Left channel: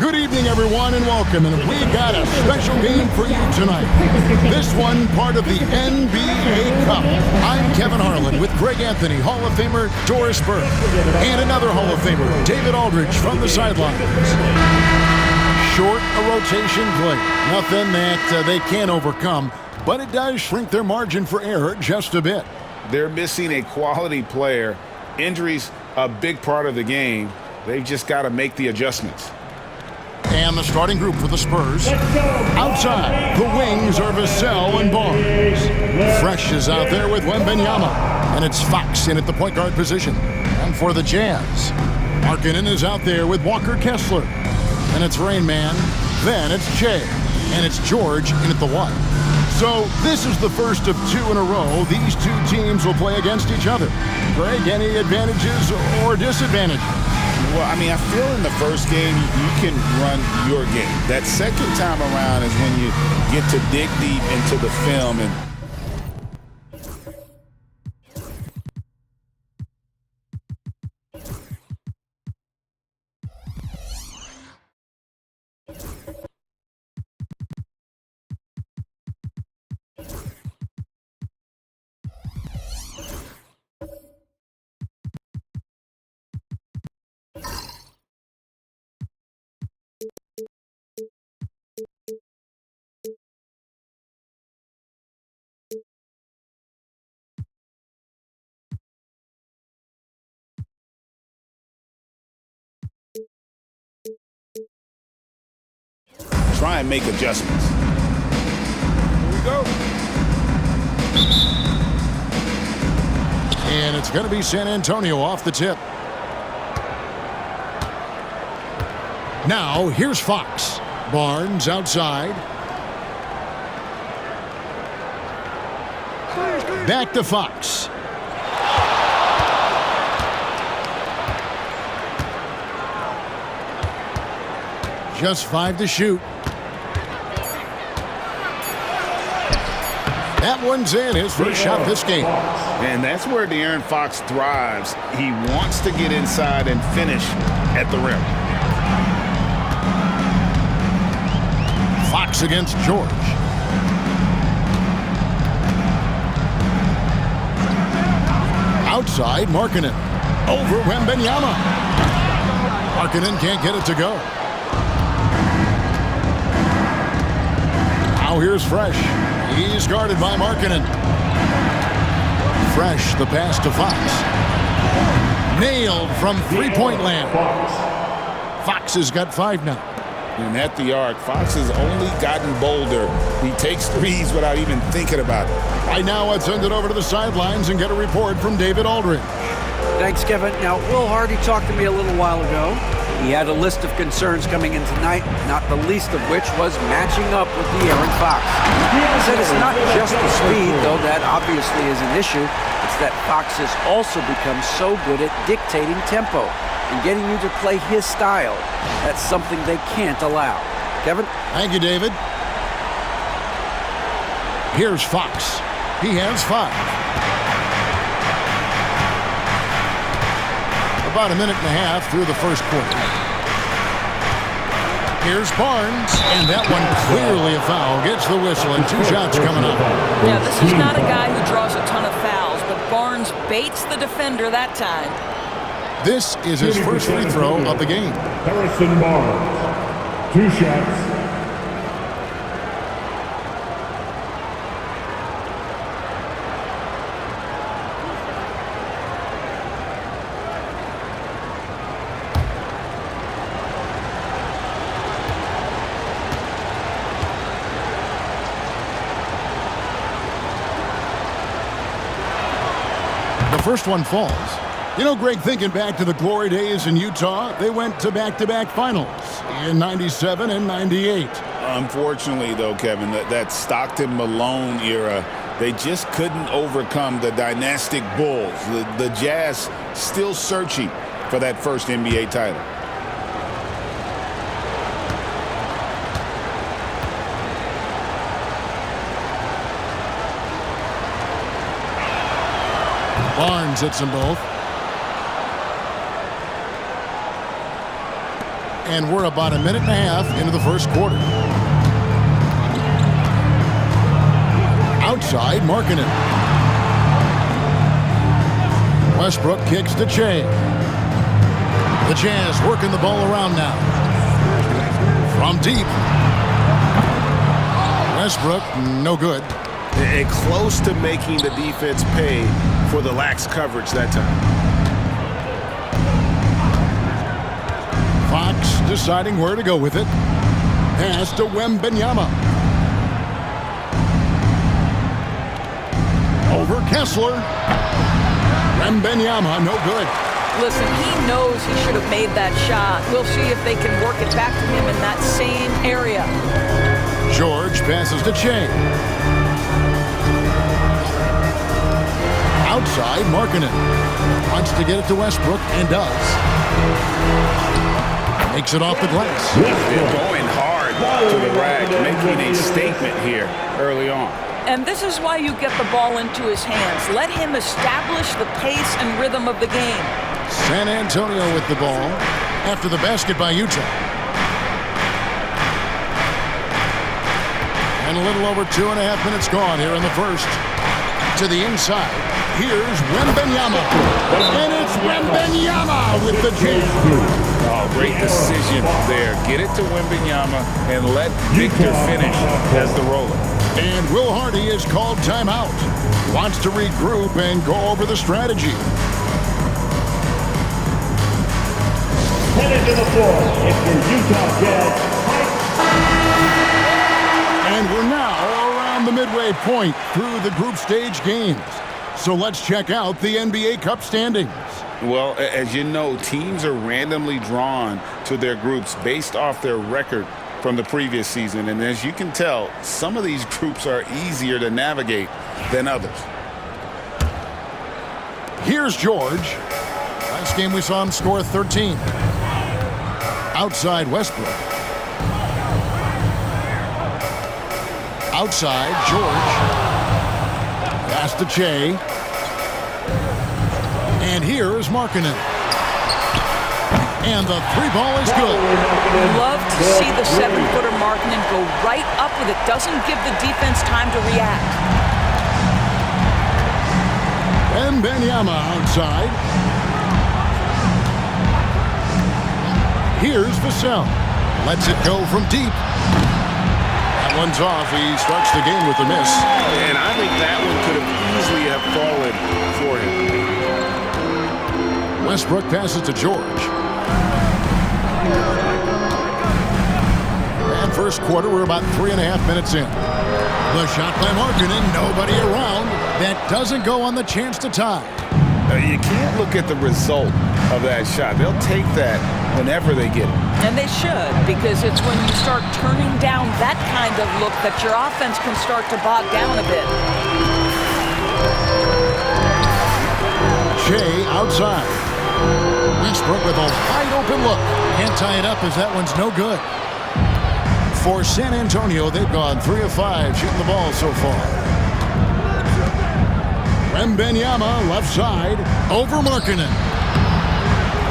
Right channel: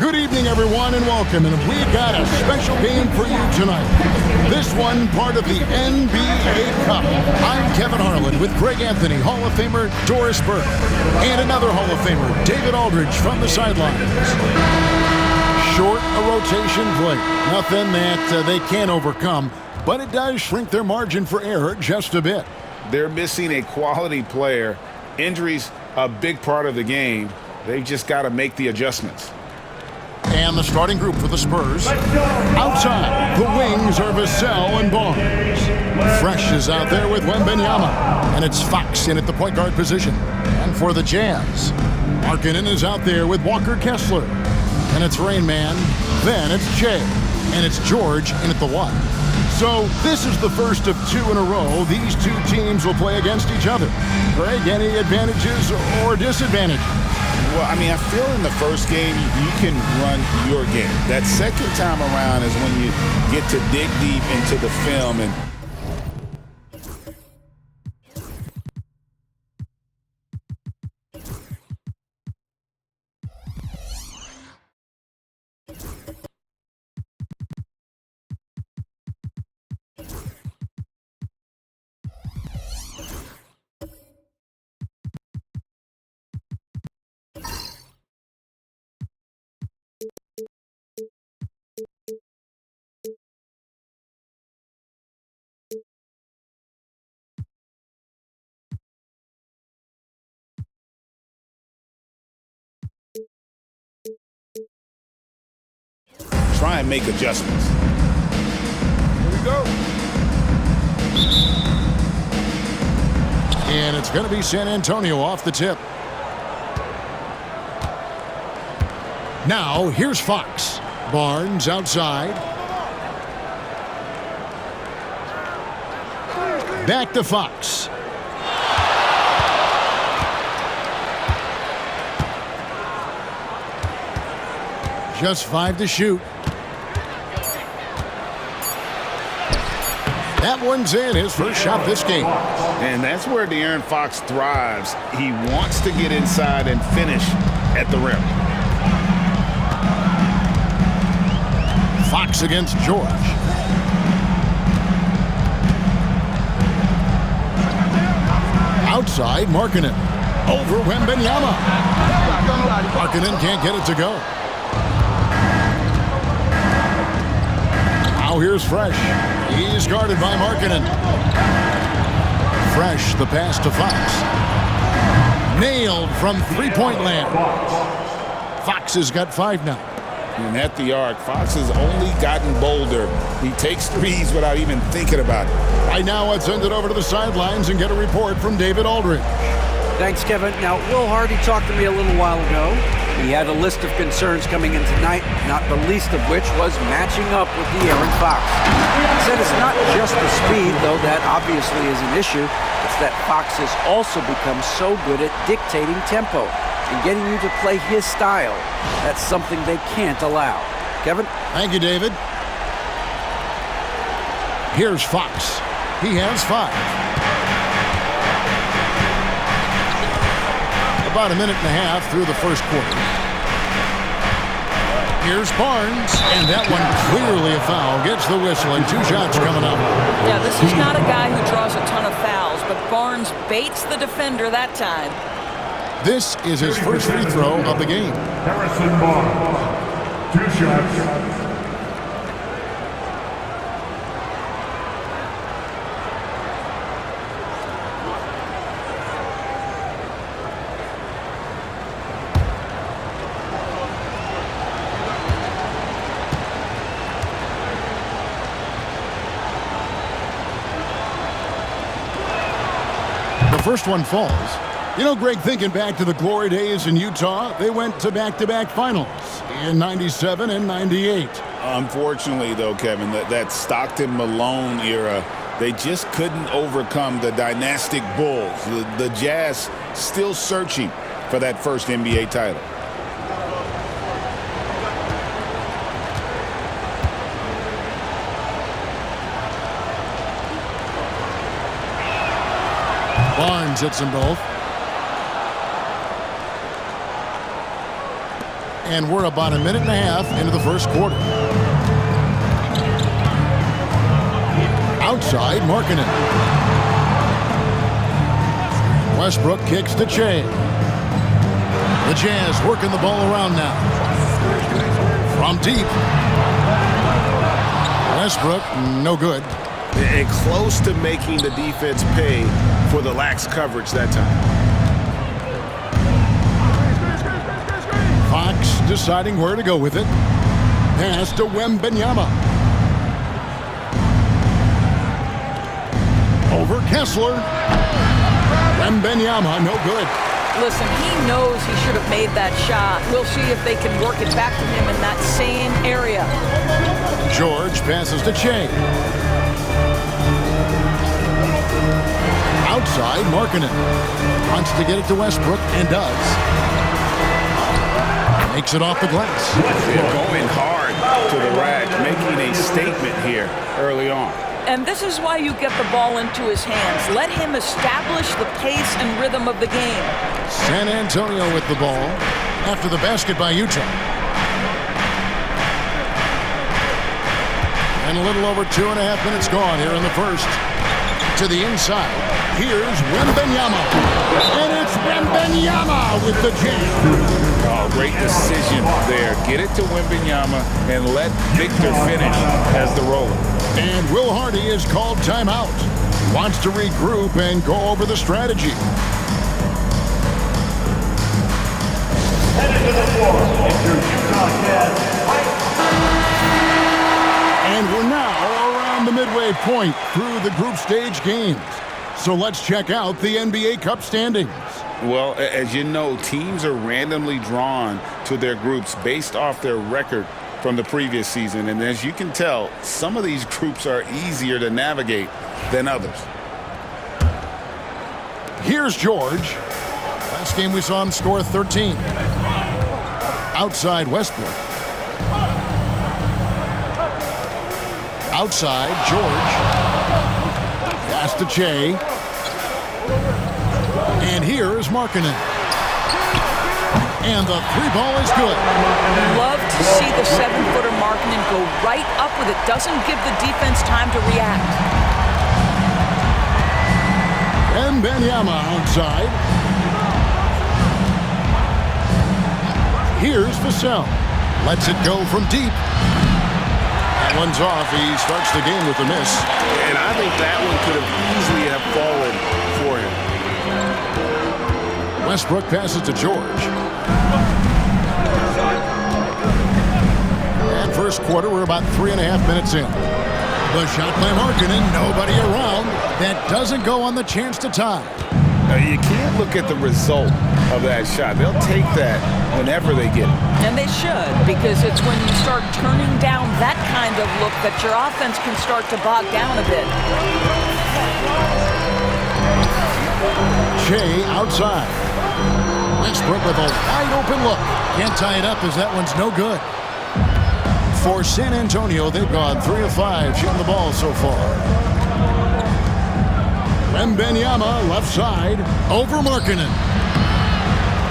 Good evening, everyone, and welcome. And we got a special game for you tonight. This one part of the NBA Cup. I'm Kevin Harlan with Greg Anthony, Hall of Famer Doris Burke, and another Hall of Famer, David Aldridge, from the sidelines. Short a rotation play. Nothing that they can't overcome, but it does shrink their margin for error just a bit. They're missing a quality player. Injuries a big part of the game. They've just got to make the adjustments. And the starting group for the Spurs. Outside, the wings are Vassell and Barnes. Fresh is out there with Wembanyama. And it's Fox in at the point guard position. And for the Jazz, Markkanen is out there with Walker Kessler. And it's Rain Man. Then it's Jay. And it's George in at the 1. So this is the first of 2 in a row. These two teams will play against each other. Greg, any advantages or disadvantages? Well, I mean, I feel in the first game, you can run your game. That second time around is when you get to dig deep into the film and try and make adjustments. Here we go. And it's going to be San Antonio off the tip. Now, here's Fox. Barnes outside. Back to Fox. Just 5 to shoot. That one's in, his first shot this game. And that's where De'Aaron Fox thrives. He wants to get inside and finish at the rim. Fox against George. Outside, Markkanen. Over Wembanyama. Markkanen can't get it to go. Now here's Fresh. He's guarded by Markkanen. Fresh, the pass to Fox. Nailed from three-point land. Fox has got 5 now. And at the arc, Fox has only gotten bolder. He takes threes without even thinking about it. Right now, let's send it over to the sidelines and get a report from David Aldridge. Thanks, Kevin. Now, Will Hardy talked to me a little while ago. He had a list of concerns coming in tonight, not the least of which was matching up with De'Aaron Fox. He said it's not just the speed, though that obviously is an issue. It's that Fox has also become so good at dictating tempo and getting you to play his style. That's something they can't allow. Kevin? Thank you, David. Here's Fox. He has 5. About a minute and a half through the first quarter. Here's Barnes, and that one clearly a foul. Gets the whistle, and 2 shots coming up. Yeah, this is not a guy who draws a ton of fouls, but Barnes baits the defender that time. This is his first free throw of the game. Harrison Barnes, 2 shots. The first one falls. You know, Greg, thinking back to the glory days in Utah, they went to back-to-back finals in 97 and 98. Unfortunately, though, Kevin, that Stockton-Malone era, they just couldn't overcome the dynastic Bulls. The Jazz still searching for that first NBA title. Barnes hits them both. and we're about a minute and a half into the first quarter. Outside, Markkanen. Westbrook kicks to Che. The Jazz working the ball around now. From deep. Westbrook, no good. And close to making the defense pay for the lax coverage that time. Fox deciding where to go with it. Pass to Wembanyama. Over Kessler. Wembanyama, no good. Listen, he knows he should have made that shot. We'll see if they can work it back to him in that same area. George passes to Che. Outside, Markkanen. Wants to get it to Westbrook, and does. Makes it off the glass. They're going hard to the rack, making a statement here early on. And this is why you get the ball into his hands. Let him establish the pace and rhythm of the game. San Antonio with the ball after the basket by Utah. And a little over 2.5 minutes gone here in the first. To the inside. Here's Wembanyama. And it's Wembanyama with the jam. Oh, great decision there. Get it to Wembanyama and let Victor finish as the roller. And Will Hardy is called timeout. Wants to regroup and go over the strategy. Heading to the floor, it's your Utah Jazz. And we're now around the midway point through the group stage games. So let's check out the NBA Cup standings. Well, as you know, teams are randomly drawn to their groups based off their record from the previous season. And as you can tell, some of these groups are easier to navigate than others. Here's George. Last game we saw him score 13. Outside Westbrook. Outside George. Pass to Che. And here is Markkanen. And the three ball is good. Love to see the 7-footer Markkanen go right up with it. Doesn't give the defense time to react. Wembanyama outside. Here's Vassell. Lets it go from deep. That one's off. He starts the game with a miss. And I think that one could have easily have fallen for him. Westbrook passes to George. And first quarter, we're about 3.5 minutes in. The shot by Markkanen, nobody around. That doesn't go on the chance to tie. Now, you can't look at the result of that shot. They'll take that whenever they get it. And they should, because it's when you start turning down that kind of look that your offense can start to bog down a bit. Che outside. Westbrook with a wide open look. Can't tie it up as that one's no good. For San Antonio, they've gone 3 of 5 shooting the ball so far. Wembanyama left side over Markkanen.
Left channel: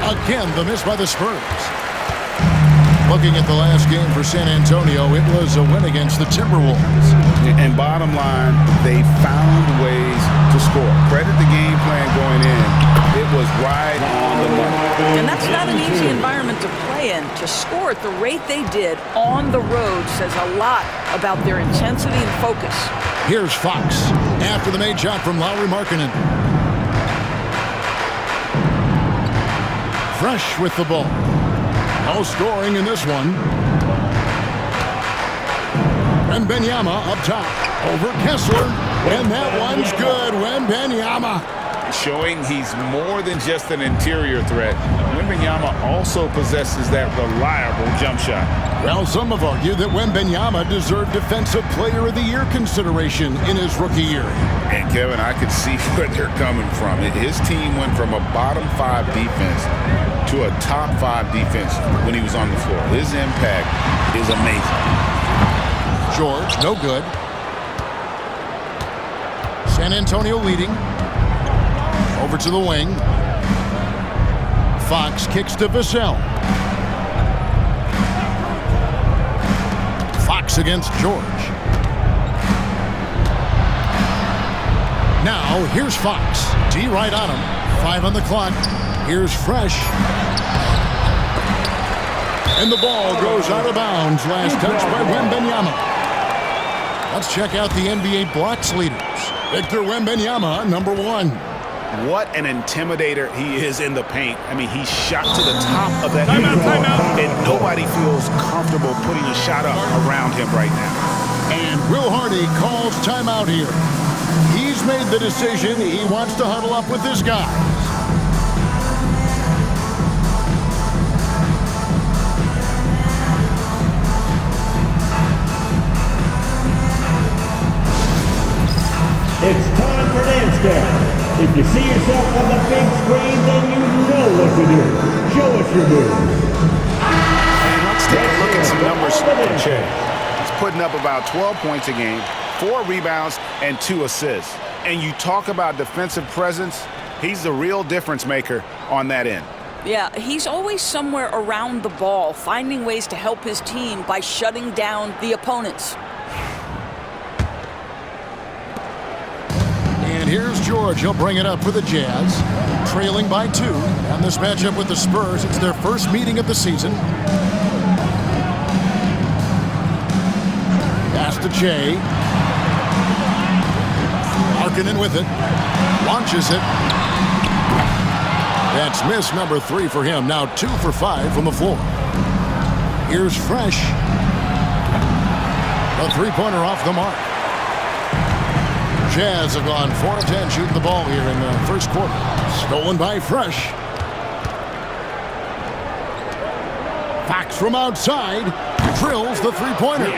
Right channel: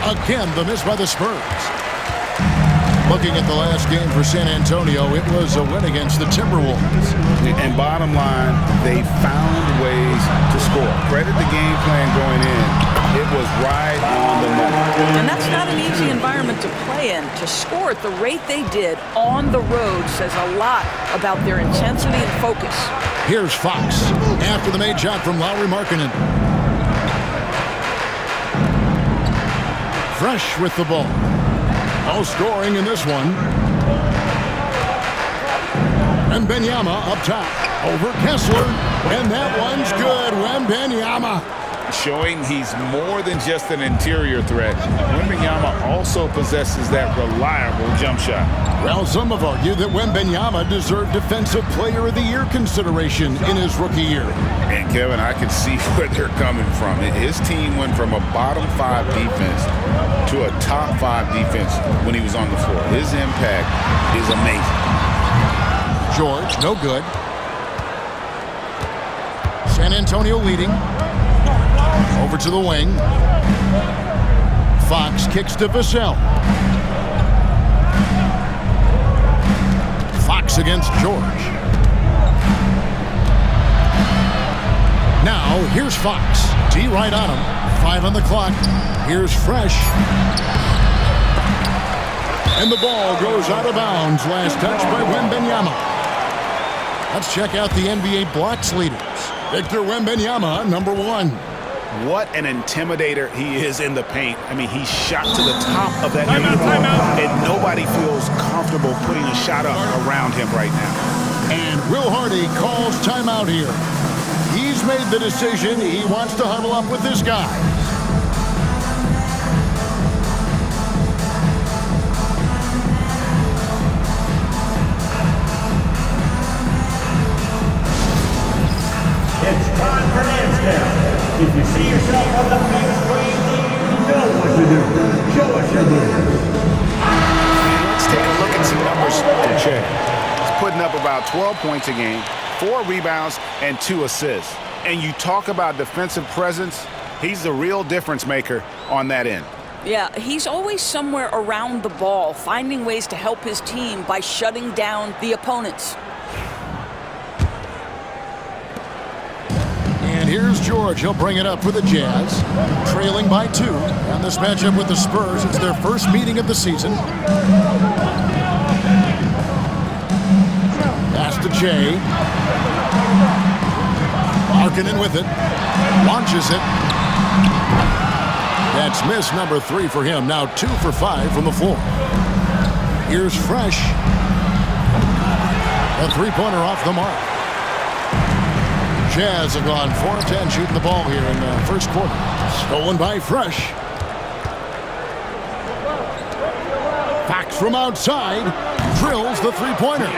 Again, the miss by the Spurs. Looking at the last game for San Antonio, it was a win against the Timberwolves. And bottom line, they found ways to score. Credit the game plan going in. It was right on the money. And that's not an easy environment to play in. To score at the rate they did on the road says a lot about their intensity and focus. Here's Fox after the made shot from Lauri Markkanen. Fresh with the ball. No scoring in this one. Wembanyama up top. Over Kessler. And that one's good. Wembanyama. Showing he's more than just an interior threat. Wembanyama also possesses that reliable jump shot. Well, some have argued that Wembanyama deserved Defensive Player of the Year consideration in his rookie year. And, Kevin, I could see where they're coming from. His team went from a bottom 5 defense to a top 5 defense when he was on the floor. His impact is amazing. George, no good. San Antonio leading. Over to the wing. Fox kicks to Vassell. against George. Now, here's Fox. D right on him. 5 on the clock. Here's Fresh. And the ball goes out of bounds. Last touch by Wembanyama. Let's check out the NBA blocks leaders. Victor Wembanyama, number 1. What an intimidator he is in the paint. I mean, he shot to the top of that uniform, and nobody feels comfortable putting a shot up around him right now. And Will Hardy calls timeout here. He's made the decision. He wants to huddle up with his guys. It's time for dance down. If you see yourself on the big screen, then you know what to do. Show us your moves. And let's take a look at some numbers for Che. He's putting up about 12 points a game, 4 rebounds, and 2 assists. And you talk about defensive presence, he's the real difference maker on that end. Yeah, he's always somewhere around the ball, finding ways to help his team by shutting down the opponents. And here's George. He'll bring it up for the Jazz. Trailing by 2. And this matchup with the Spurs, it's their first meeting of the season. Pass to Che. Markkanen with it. Launches it. That's miss number 3 for him. Now 2 for 5 from the floor. Here's Fresh. A three-pointer off the mark. Jazz have gone 4 of 10 shooting the ball here in the first quarter. Stolen by Fresh. Fox from outside drills the three-pointer.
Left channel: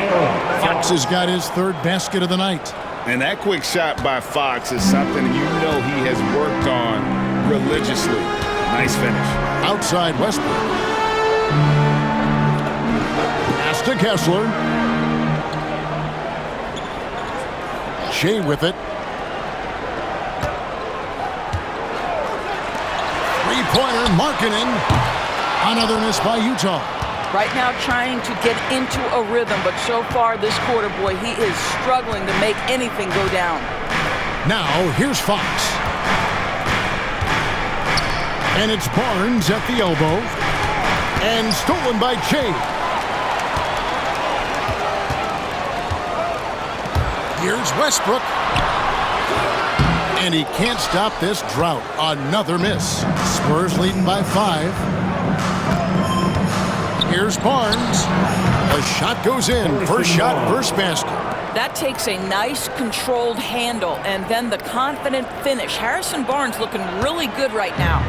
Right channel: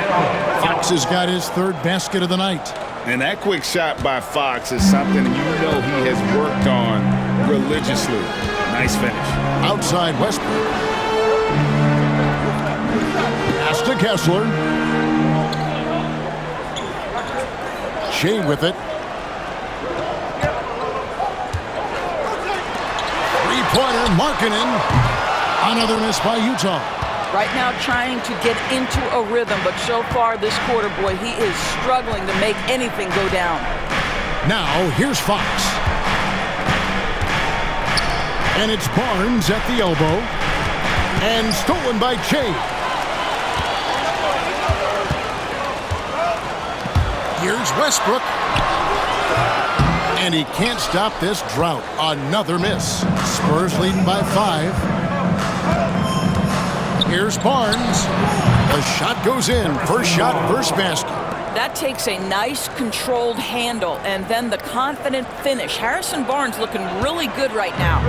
Fox has got his 3rd basket of the night. And that quick shot by Fox is something you know he has worked on religiously. Nice finish. Outside Westbrook. Pass to Kessler. Shea with it. Three-pointer, Markkanen. Another miss by Utah. Right now trying to get into a rhythm, but so far this quarter, boy, he is struggling to make anything go down. Now, here's Fox. And it's Barnes at the elbow. And stolen by Che. Here's Westbrook. And he can't stop this drought. Another miss. Spurs leading by 5. Here's Barnes. The shot goes in. First shot, first basket. That takes a nice controlled handle and then the confident finish. Harrison Barnes looking really good right now.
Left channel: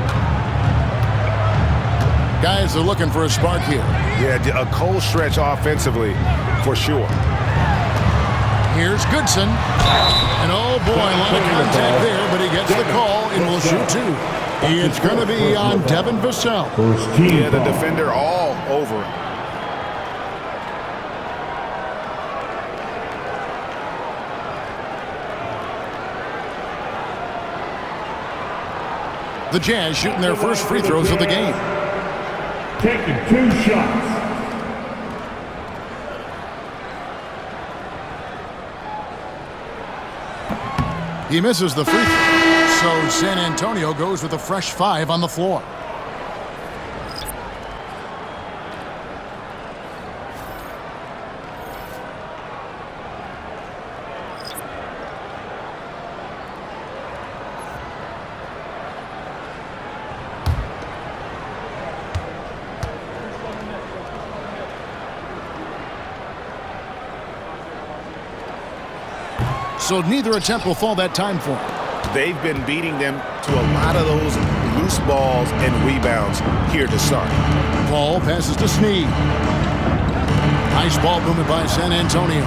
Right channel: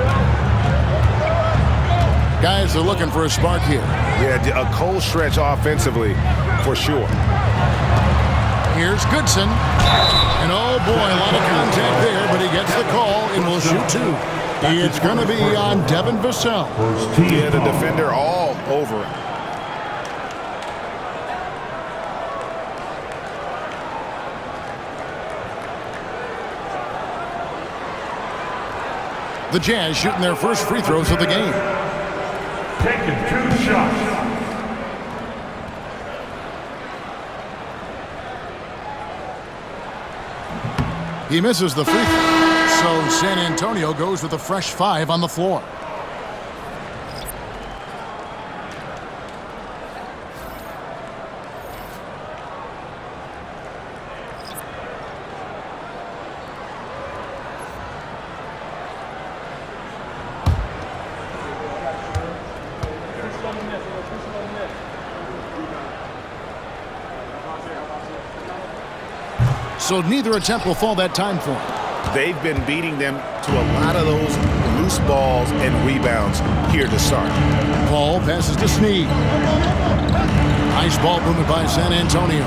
Guys are looking for a spark here. Yeah, a cold stretch offensively for sure. Here's Goodson. And oh boy, a lot of contact there, but he gets the call and will shoot 2. It's going to be on Devin Vassell. Yeah, the defender all over him. The Jazz shooting their first free throws of the game. Taking 2 shots. He misses the free throw, so San Antonio goes with a fresh 5 on the floor. So neither attempt will fall that time for him. They've been beating them to a lot of those loose balls and rebounds here to start. Paul passes to Snead. Nice ball movement by San Antonio.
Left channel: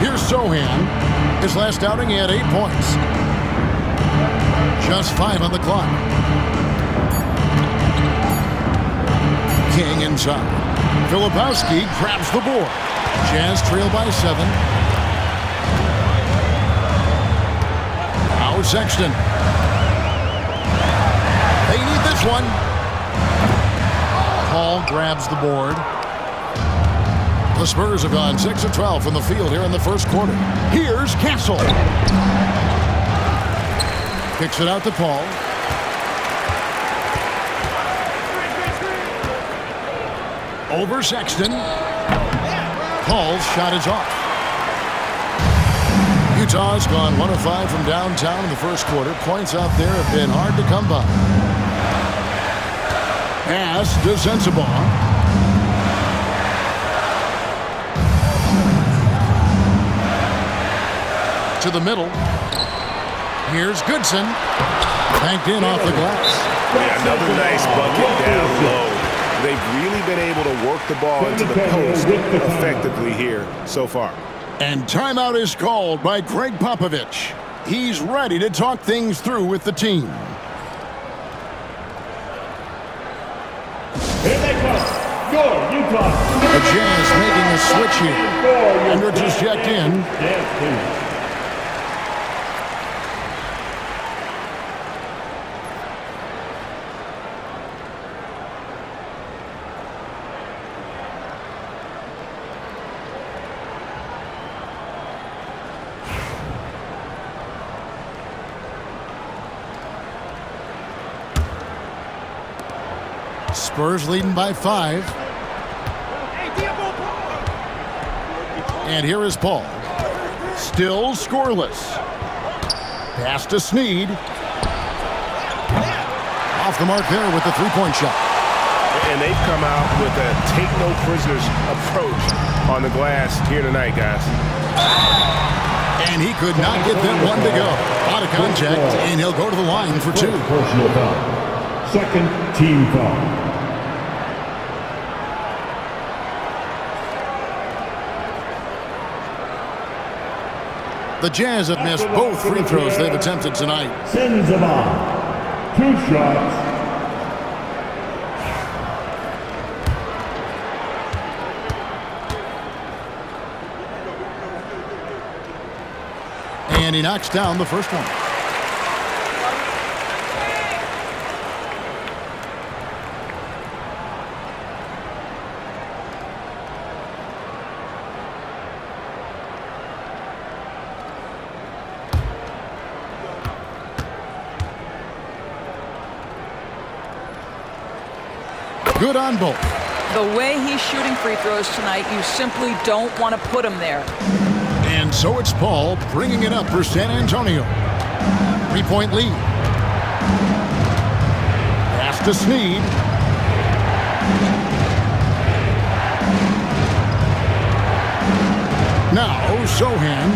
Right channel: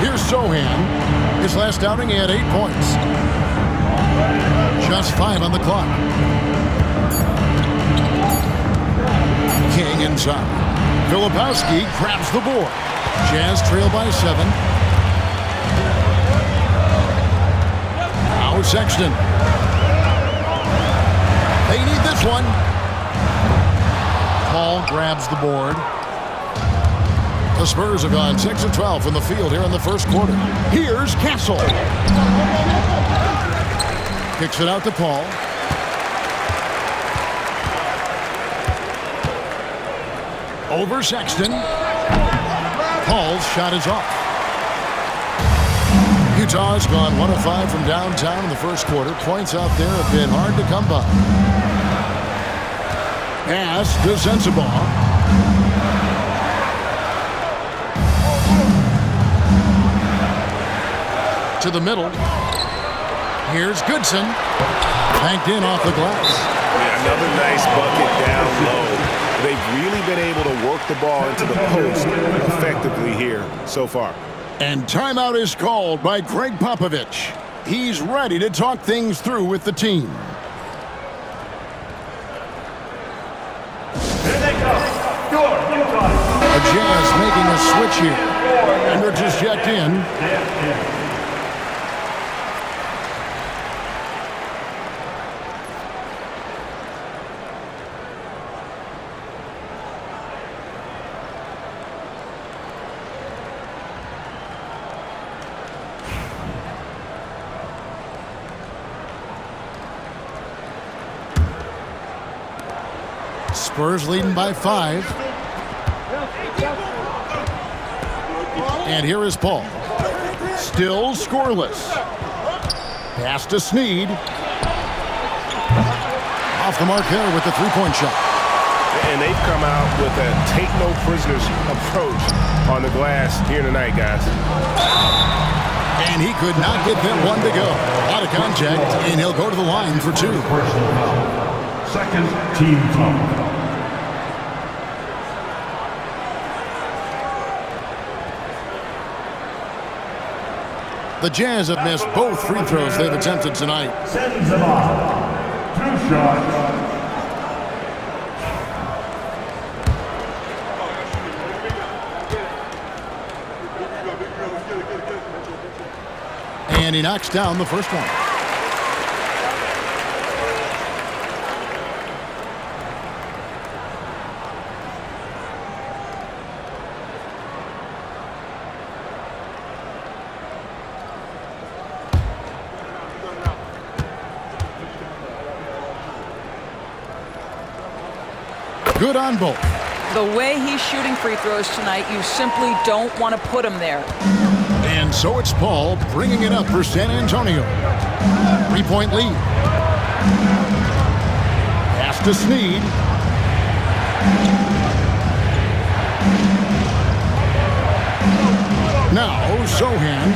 Here's Sohan. His last outing, he had 8 points. Just 5 on the clock. King inside. Filipowski grabs the board. Jazz trail by 7. Now Sexton. They need this one. Paul grabs the board. The Spurs have gone 6 of 12 from the field here in the first quarter. Here's Castle. Kicks it out to Paul. Over Sexton. Paul's shot is off. Utah's gone 1 of 5 from downtown in the first quarter. Points out there have been hard to come by. Pass to Sensabaugh. To the middle. Here's Goodson. Banked in off the glass. Yeah, another nice bucket down low. They've really been able to work the ball into the post effectively here so far. And timeout is called by Greg Popovich. He's ready to talk things through with the team. Here they come. Score, Utah. The Jazz making a switch here. Hendricks is checked in. Spurs leading by 5. And here is Paul. Still scoreless. Pass to Snead. Off the mark there with the three-point shot. And they've come out with a take-no-prisoners approach on the glass here tonight, guys. And he could not get them one to go. A lot of contact, and he'll go to the line for 2. Personal foul. Second team foul. The Jazz have missed both free throws they've attempted tonight. Sensabaugh. 2 shots. And he knocks down the first one. Good on both. The way he's shooting free throws tonight, you simply don't want to put him there. And so it's Paul bringing it up for San Antonio. 3-point lead. Pass to Snead. Now Sohan.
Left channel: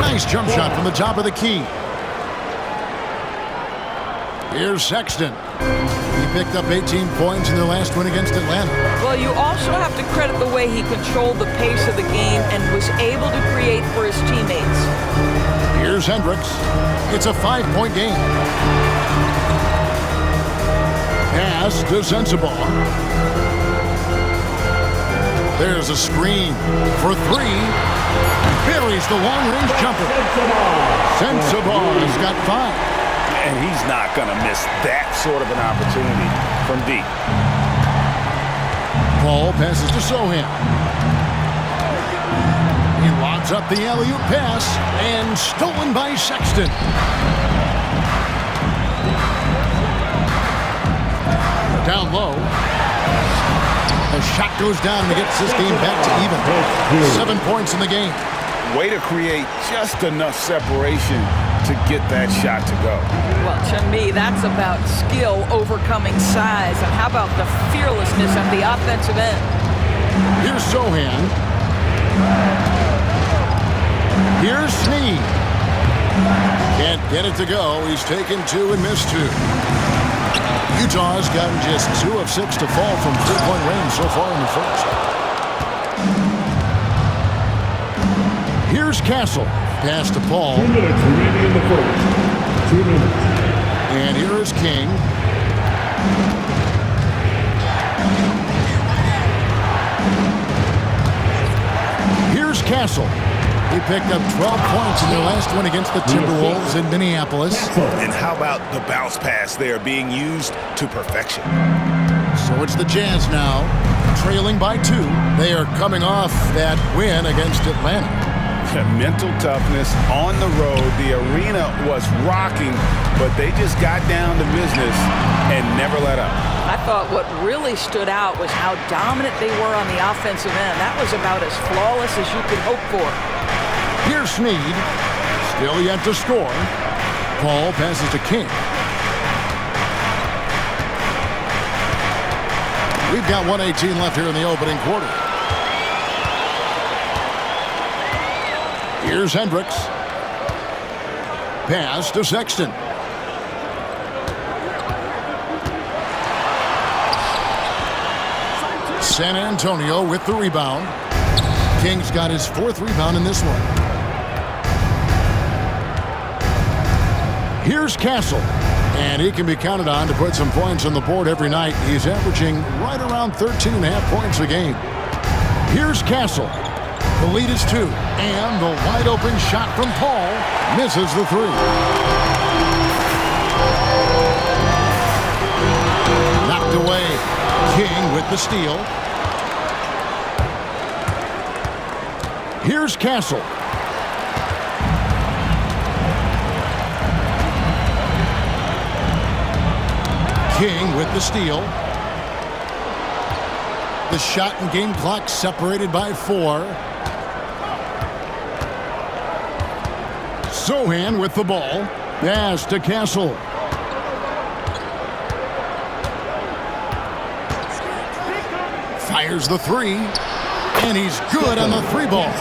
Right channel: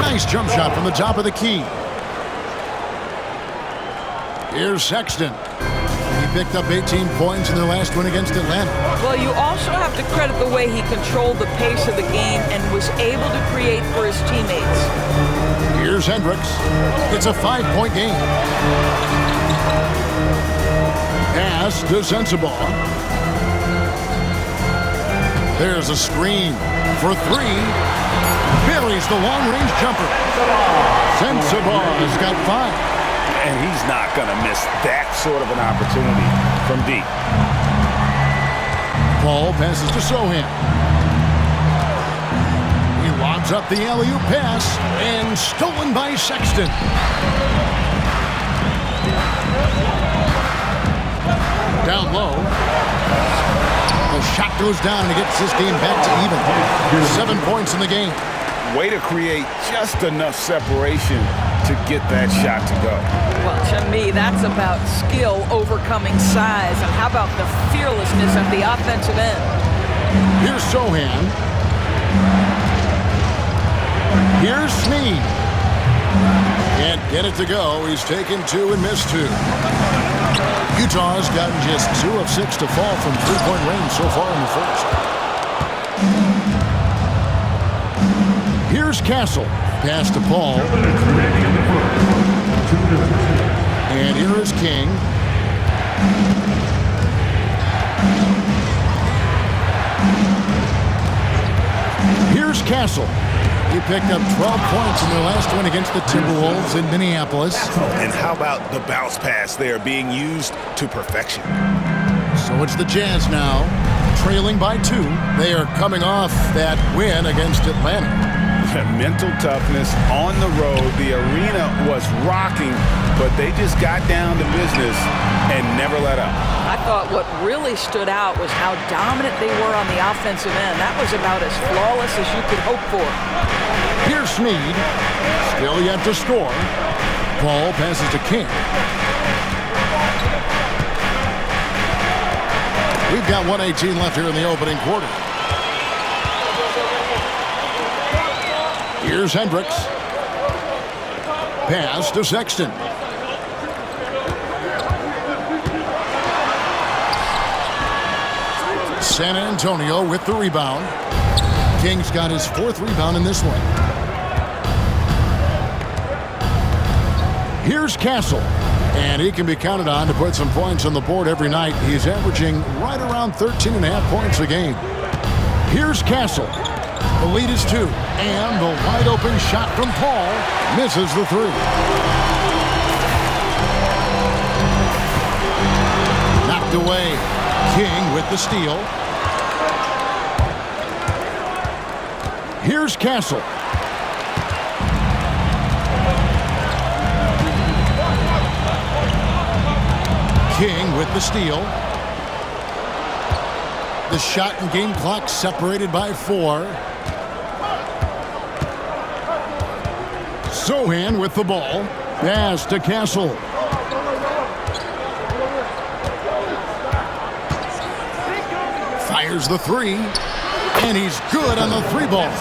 Nice jump shot from the top of the key. Here's Sexton. He picked up 18 points in their last win against Atlanta. Well, you also have to credit the way he controlled the pace of the game and was able to create for his teammates. Here's Hendricks. It's a 5-point game. Pass to Sensabaugh. There's a screen for 3. Buries the long-range jumper. Sensabaugh's got 5. And he's not going to miss that sort of an opportunity from deep. Paul passes to Sohan. He lobs up the alley-oop pass and stolen by Sexton. Down low. The shot goes down and he gets this game back to even. 7 points in the game. Way to create just enough separation to get that shot to go. Well, to me, that's about skill overcoming size. And how about the fearlessness at the offensive end? Here's Sohan. Here's Snead. Can't get it to go. He's taken 2 and missed 2. Utah has gotten just 2 of 6 to fall from three-point range so far in the first. Here's Castle. Pass to Paul. 2 minutes remaining in the first. 2 minutes. And here is King. Here's Castle. He picked up 12 points in their last win against the Timberwolves in Minneapolis. And how about the bounce pass there being used to perfection? So it's the Jazz now, trailing by 2. They are coming off that win against Atlanta. Mental toughness on the road. The arena was rocking, but they just got down to business and never let up. I thought what really stood out was how dominant they were on the offensive end. That was about as flawless as you could hope for. Here's Snead, still yet to score. Ball passes to King. We've got 1:18 left here in the opening quarter. Here's Hendricks. Pass to Sexton. San Antonio with the rebound. King's got his 4th rebound in this one. Here's Castle. And he can be counted on to put some points on the board every night. He's averaging right around 13.5 points a game. Here's Castle. The lead is 2. And the wide open shot from Paul misses the 3. Knocked away. King with the steal. Here's Castle. King with the steal. The shot and game clock separated by 4. Sohan with the ball. Pass to Castle. Fires the 3. And he's good on the 3-ball.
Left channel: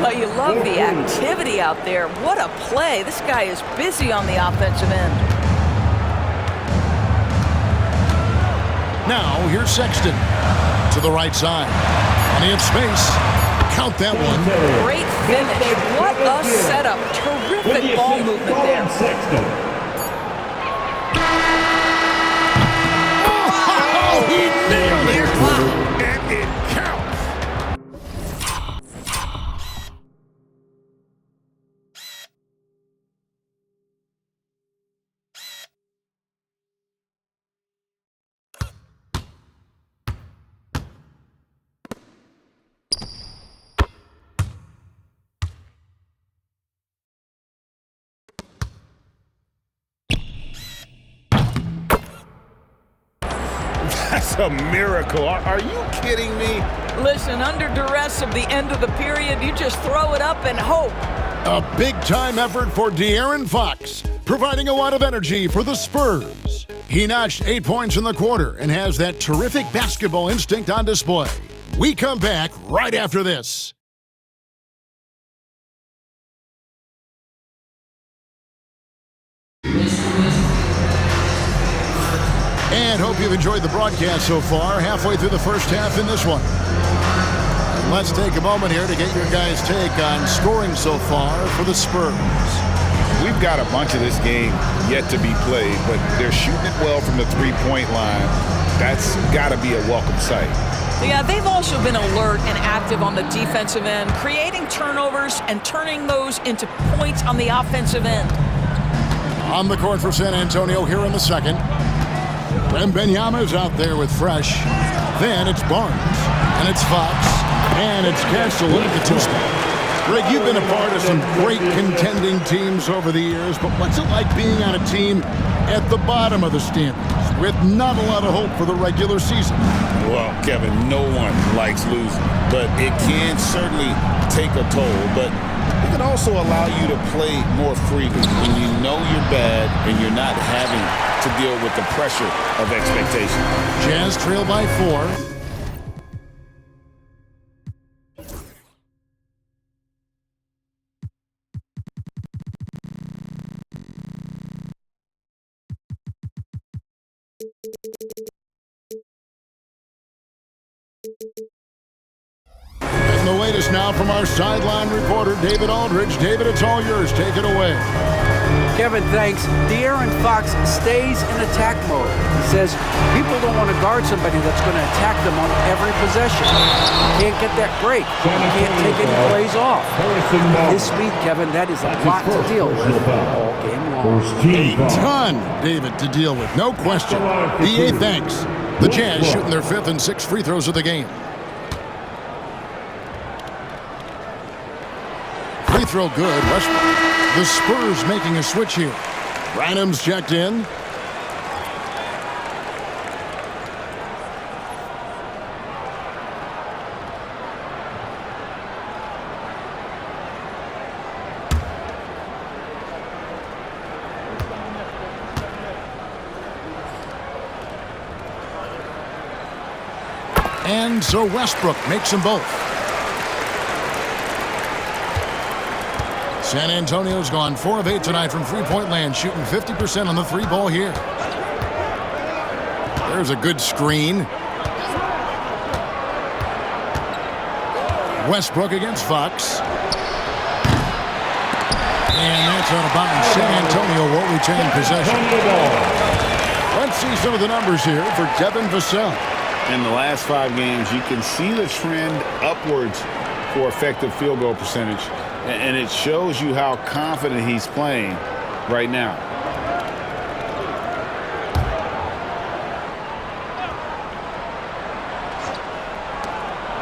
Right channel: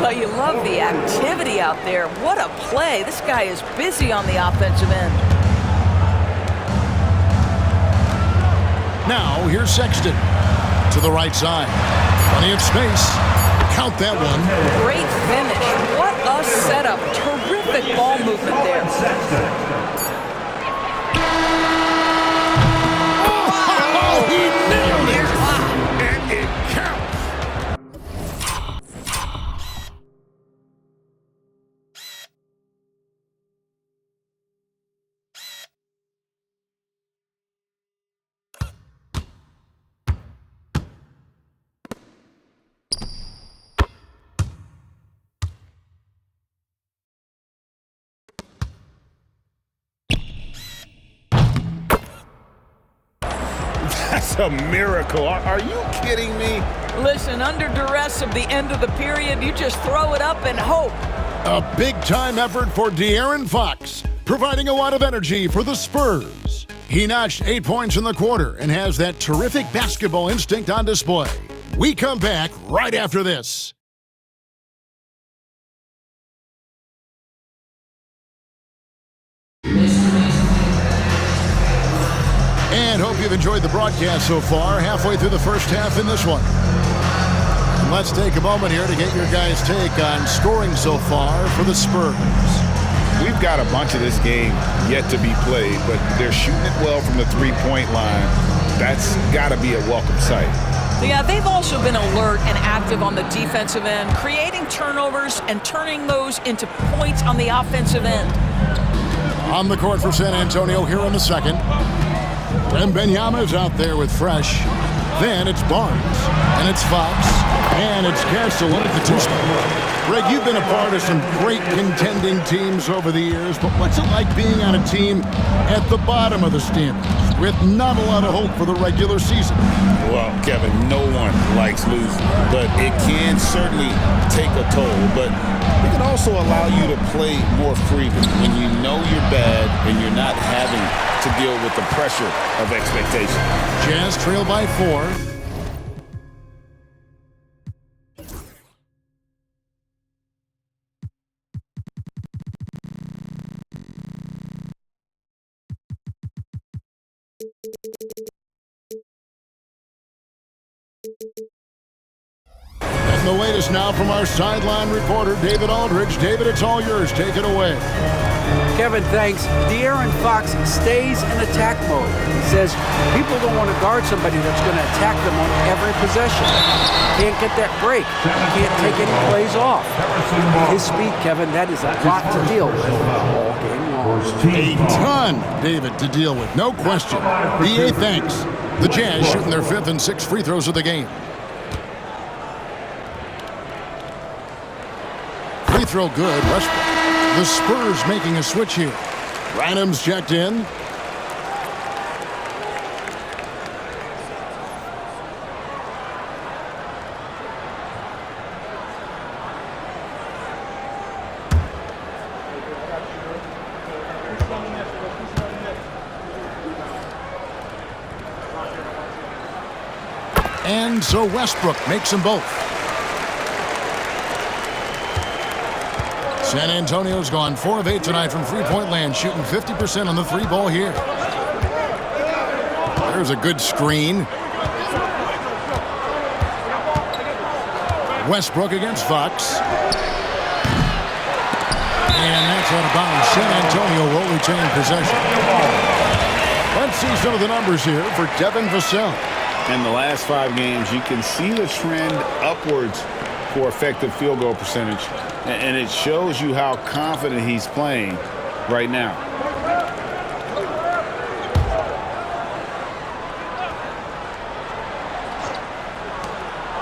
Well, you love the activity out there. What a play. This guy is busy on the offensive end. Now, here's Sexton to the right side. Plenty of space. Count that one. Great finish. What a setup. Terrific ball movement there. Oh, he nailed it. And it counts. That's a miracle. Are you kidding me? Listen, under duress of the end of the period, you just throw it up and hope. A big-time effort for De'Aaron Fox, providing a lot of energy for the Spurs. He notched 8 points in the quarter and has that terrific basketball instinct on display. We come back right after this. And hope you've enjoyed the broadcast so far, halfway through the first half in this one. And let's take a moment here to get your guys' take on scoring so far for the Spurs. We've got a bunch of this game yet to be played, but they're shooting it well from the three-point line. That's got to be a welcome sight. Yeah, they've also been alert and active on the defensive end, creating turnovers and turning those into points on the offensive end. On the court for San Antonio here in the second. Wembanyama is out there with Fresh. Then it's Barnes, and it's Fox, and it's Castle in at the 2 spot. Greg, you've been a part of some great contending teams over the years, but what's it like being on a team at the bottom of the standings with not a lot of hope for the regular season? Well, Kevin, no one likes losing, but it can certainly take a toll. But it can also allow you to play more freely when you know you're bad and you're not having to deal with the pressure of expectation. Jazz trail by 4. And the latest now from our sideline reporter, David Aldridge. David, it's all yours. Take it away. Kevin, thanks. De'Aaron Fox stays in attack mode. He says people don't want to guard somebody that's going to attack them on every possession. You can't get that break. You can't take any plays off. His speed, Kevin, that is a lot to deal with all game long. A ton, David, to deal with, no question. DA, thanks. The Jazz shooting their 5th and 6th free throws of the game. Free throw good, Westbrook. The Spurs making a switch here. Branham's checked in. And so Westbrook makes them both. San Antonio's gone 4 of 8 tonight from three-point land, shooting 50% on the 3-ball here. There's a good screen. Westbrook against Fox. And that's out of bounds. San Antonio will retain possession. Let's see some of the numbers here for Devin Vassell. In the last 5 games, you can see the trend upwards for effective field goal percentage. And it shows you how confident he's playing right now.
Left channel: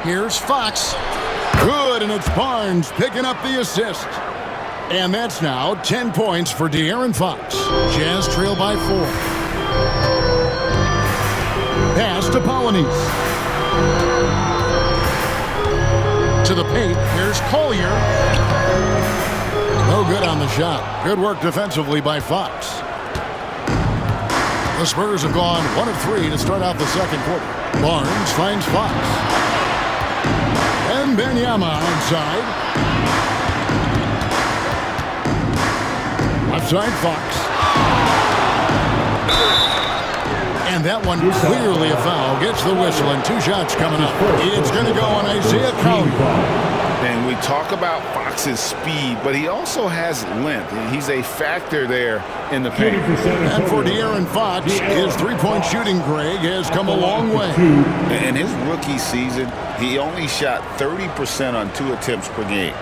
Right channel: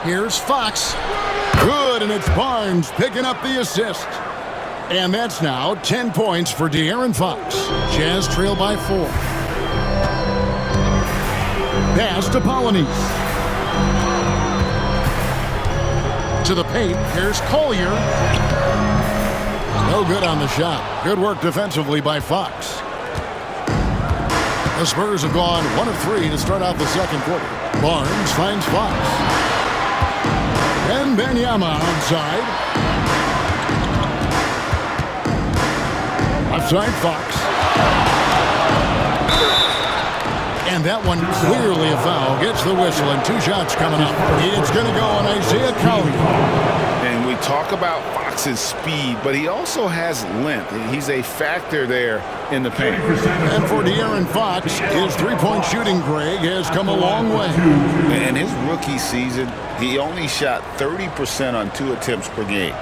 Here's Fox. Good, and it's Barnes picking up the assist. And that's now 10 points for De'Aaron Fox. Jazz trail by 4. Pass to Polonese. To the paint, here's Collier. No good on the shot. Good work defensively by Fox. The Spurs have gone 1 of 3 to start out the second quarter. Barnes finds Fox. And Wembanyama outside. Left side, Fox. And that one clearly a foul. Gets the whistle, and 2 shots coming up. It's going to go on Isaiah Collier. And we talk about Fox's speed, but he also has length. He's a factor there in the paint. And for De'Aaron Fox, his three-point shooting, Greg, has come a long way. In his rookie season, he only shot 30% on 2 attempts per game.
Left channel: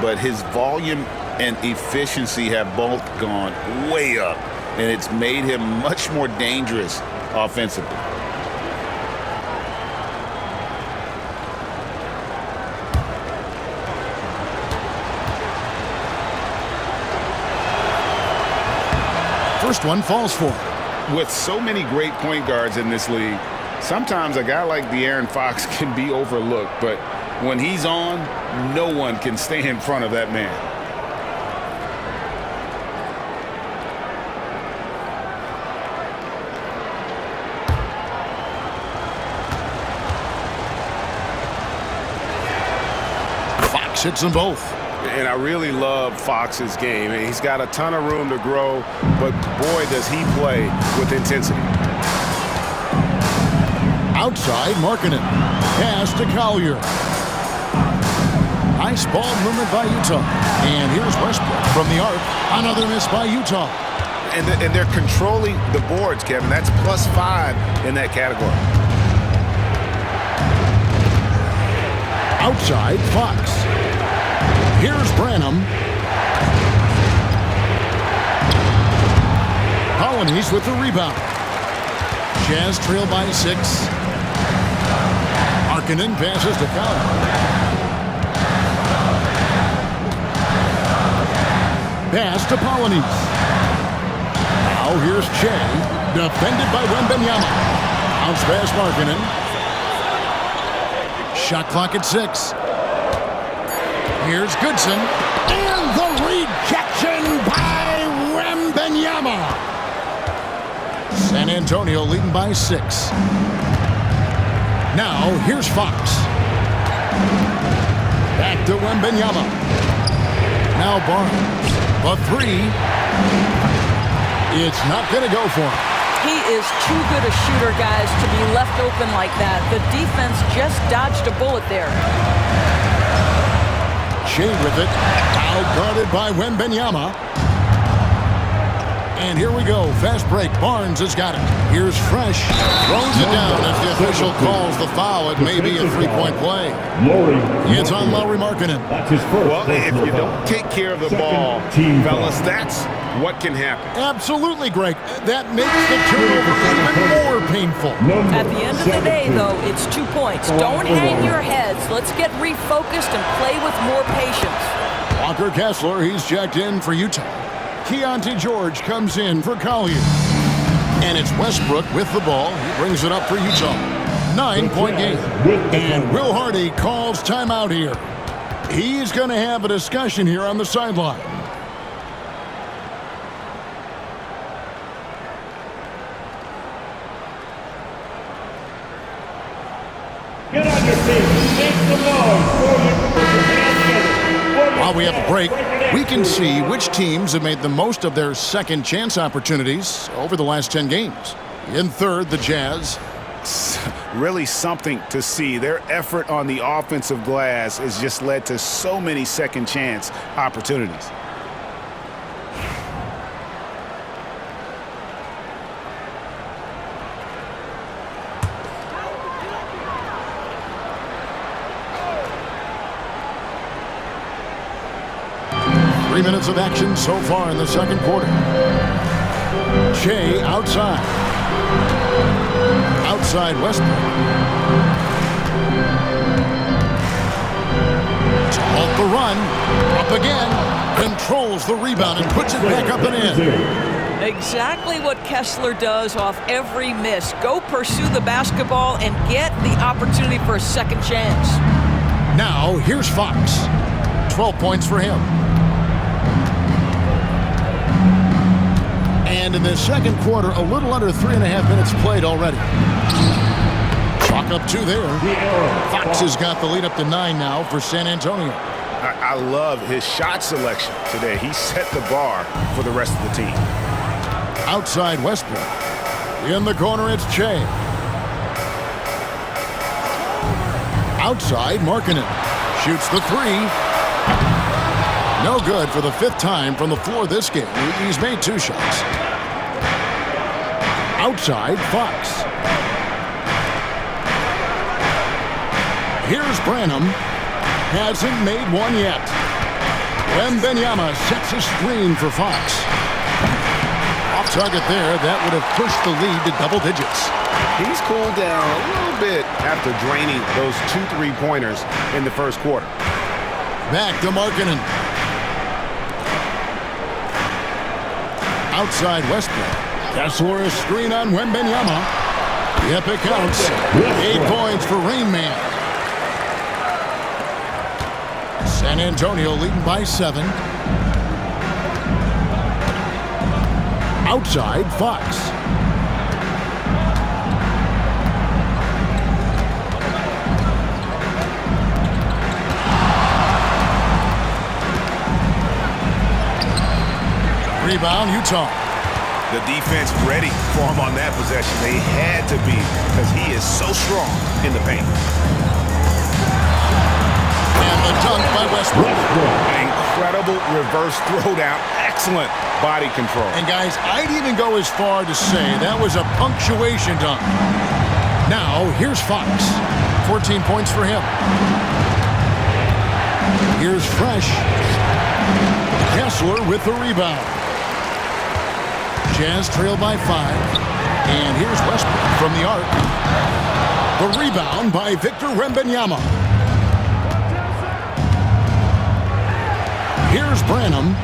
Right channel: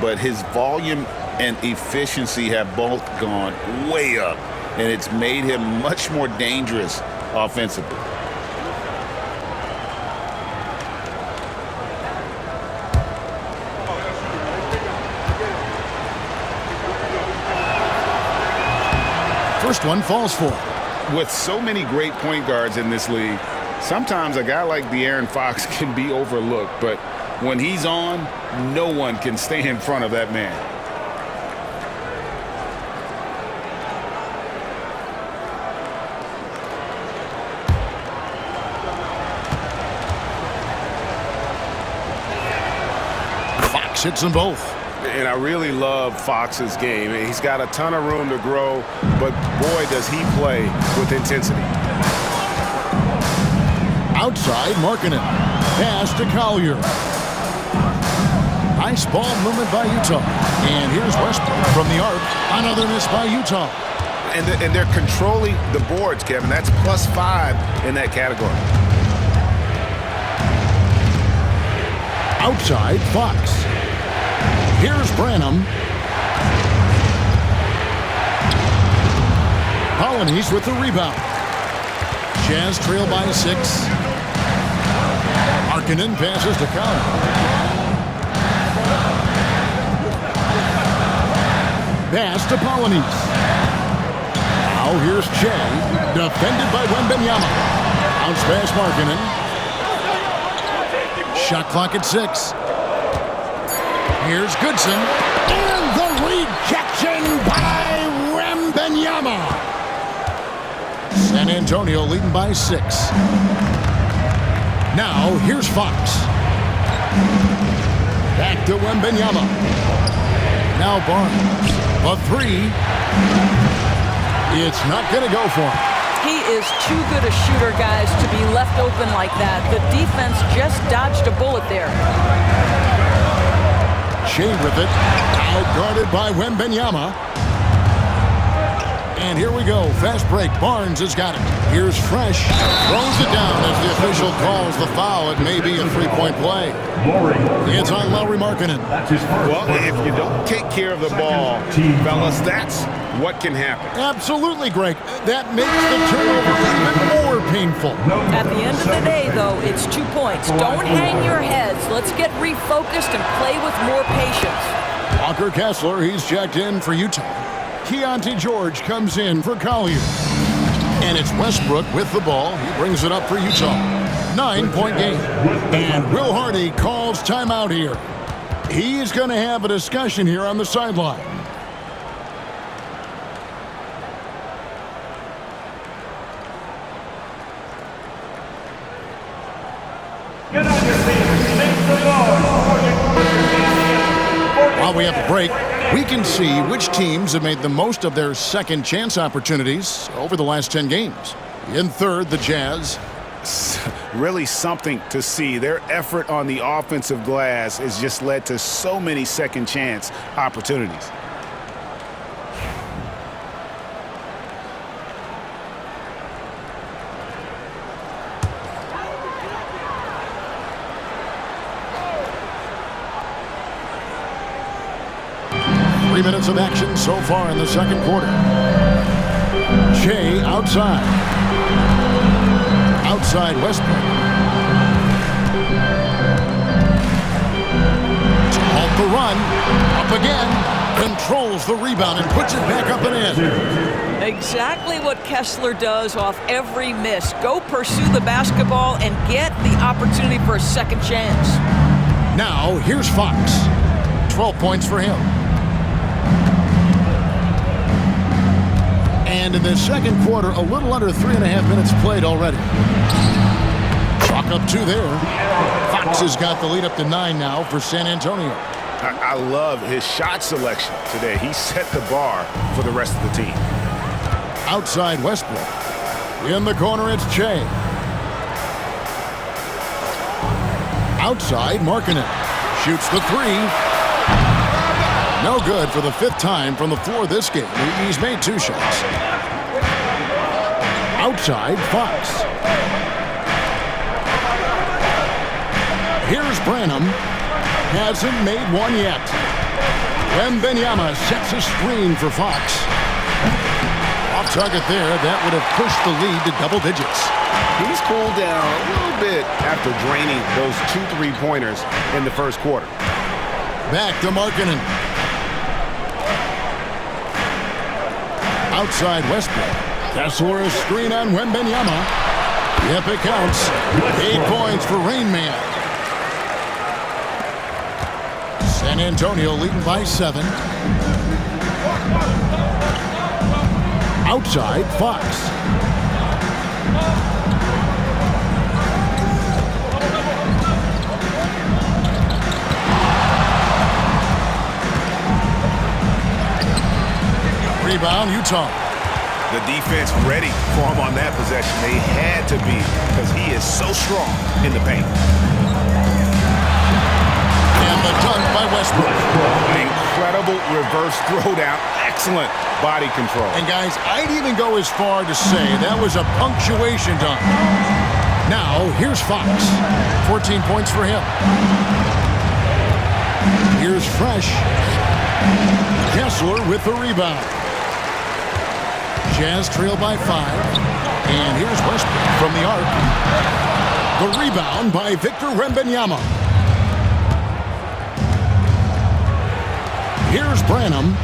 But his volume and efficiency have both gone way up, and it's made him much more dangerous offensively. First one falls for him. With so many great point guards in this league, sometimes a guy like De'Aaron Fox can be overlooked, but when he's on, no one can stay in front of that man. Fox hits them both. And I really love Fox's game. He's got a ton of room to grow, but boy, does he play with intensity. Outside, Markkanen. Pass to Collier. Nice ball movement by Utah. And here's Westbrook from the arc. Another miss by Utah. And they're controlling the boards, Kevin. That's +5 in that category. Outside, Fox. Here's Branham. Polonese with the rebound. Jazz trail by 6. Markkanen passes to Collier. Pass to Polonese. Now here's Che. Defended by Wembanyama. Bounce pass Markkanen. Shot clock at 6. Here's Goodson. And the rejection by Wembanyama. San Antonio leading by 6. Now here's Fox. Back to Wembanyama. Now Barnes. A 3. It's not going to go for him. He is too good a shooter, guys, to be left open like that. The defense just dodged a bullet there. Shea with it. Now guarded by Wembanyama. And here we go. Fast break. Barnes has got it. Here's Fresh. Throws it down as the official calls the foul. It may be a three-point play. It's on Lauri Markkanen. That's his first. Well, if you don't take care of the ball, fellas, that's what can happen. Absolutely, Greg. That makes the turnover even more painful. At the end of the day, though, it's 2 points. Don't hang your heads. Let's get refocused and play with more patience. Walker Kessler, he's checked in for Utah. Keontae George comes in for Collier. And it's Westbrook with the ball. He brings it up for Utah. 9-point game. And Will Hardy calls timeout here. He's going to have a discussion here on the sideline. Get on your feet. Make some noise. While we have a break, we can see which teams have made the most of their second chance opportunities over the last 10 games. In third, the Jazz. Really something to see. Their effort on the offensive glass has just led to so many second chance opportunities. Three minutes of action so far in the second quarter. Shea outside. Outside Westbrook. To halt the run. Up again. Controls the rebound and puts it back up and in. Exactly what Kessler does off every miss. Go pursue the basketball and get the opportunity for a second chance. Now, here's Fox. 12 points for him. And in the second quarter, a little under 3.5 minutes played already. Chalk up 2 there. Fox has got the lead up to 9 now for San Antonio. I love his shot selection today. He set the bar for the rest of the team. Outside Westbrook. In the corner, it's Shea. Outside, Markkanen. Shoots the 3. No good for the 5th time from the floor this game. He's made 2 shots. Outside, Fox. Here's Branham. Hasn't made one yet. Wembanyama sets a screen for Fox. Off target there. That would have pushed the lead to double digits. He's cooled down a little bit after draining those 2 3-pointers in the first quarter. Back to Markkanen. Outside Westbrook. Kessler a screen on Wembanyama. Yep, it counts. 8 points for Rain Man. San Antonio leading by 7. Outside, Fox. Rebound, Utah. The defense ready for him on that possession. They had to be because he is so strong in the paint. And the dunk by Westbrook. An incredible reverse throwdown. Excellent body control. And guys, I'd even go as far to say that was a punctuation dunk. Now, here's Fox. 14 points for him. Here's Fresh. Kessler with the rebound. Jazz trail by 5. And here's Westbrook from the arc. The rebound by Victor Wembanyama. Here's Branham.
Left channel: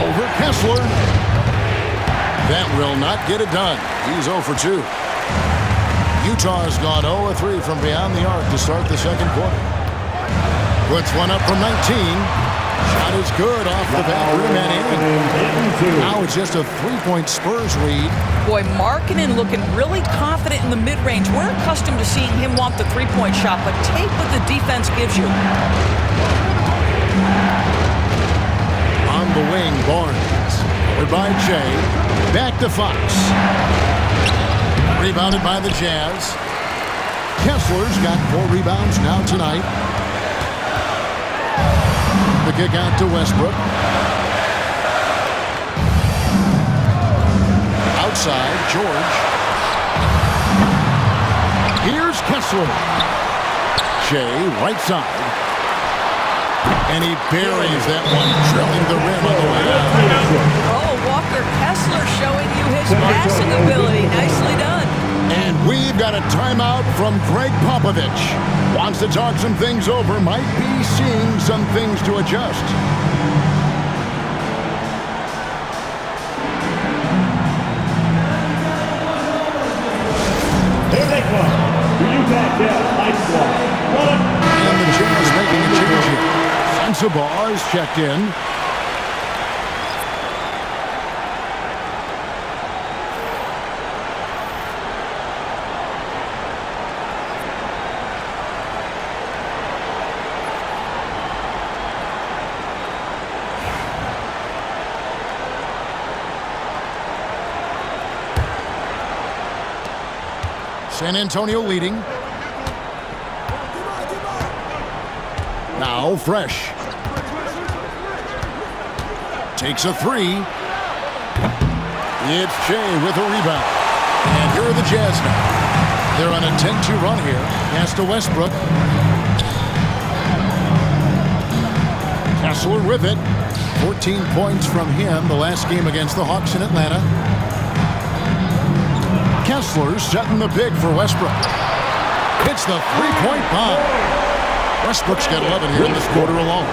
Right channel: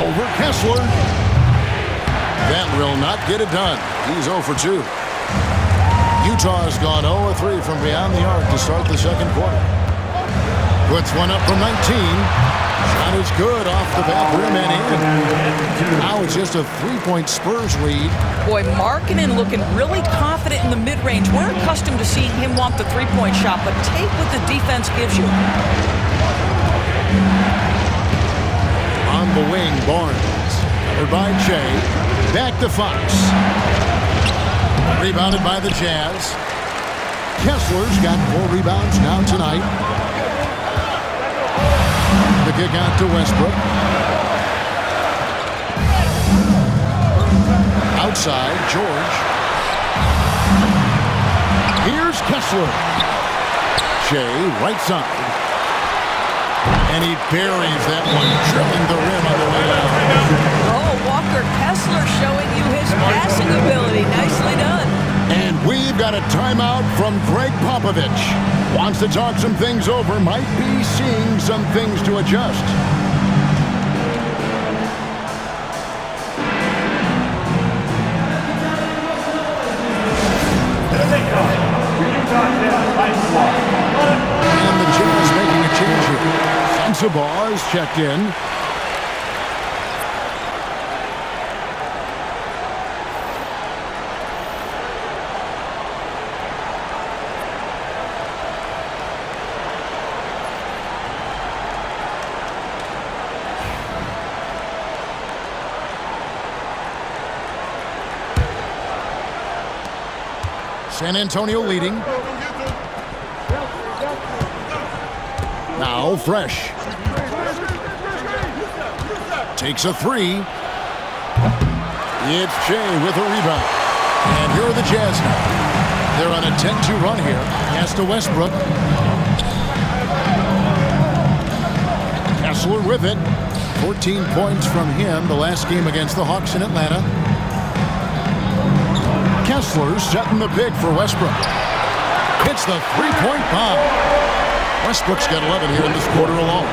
Over Kessler. That will not get it done. He's 0 for 2. Utah has gone 0 for 3 from beyond the arc to start the second quarter. Puts one up from 19. Shot is good off the back rim and in. Now it's just a 3-point Spurs lead. Boy, Markkanen looking really confident in the mid-range. We're accustomed to seeing him want the 3-point shot, but take what the defense gives you. On the wing, Barnes. Covered by Shea. Back to Fox. Rebounded by the Jazz. Kessler's got 4 rebounds now tonight. The the kick out to Westbrook. Outside, George. Here's Kessler. Shea, right side. And he buries that one, drilling the rim on the way down. Oh, Walker Kessler showing you his passing ability. Nicely done. And we've got a timeout from Greg Popovich. Wants to talk some things over, might be seeing some things to adjust. Here they come. The Utah Jazz High Squad. And the Jazz making a change here. Sensabaugh is checked in. San Antonio leading. Now Fresh. Takes a three. It's Shea with a rebound. And here are the Jazz now. They're on a 10-2 run here. Pass to Westbrook. Kessler with it. 14 points from him the last game against the Hawks in Atlanta. Kessler setting the big for Westbrook. Hits the three-point bomb. Westbrook's got 11 here in this quarter alone.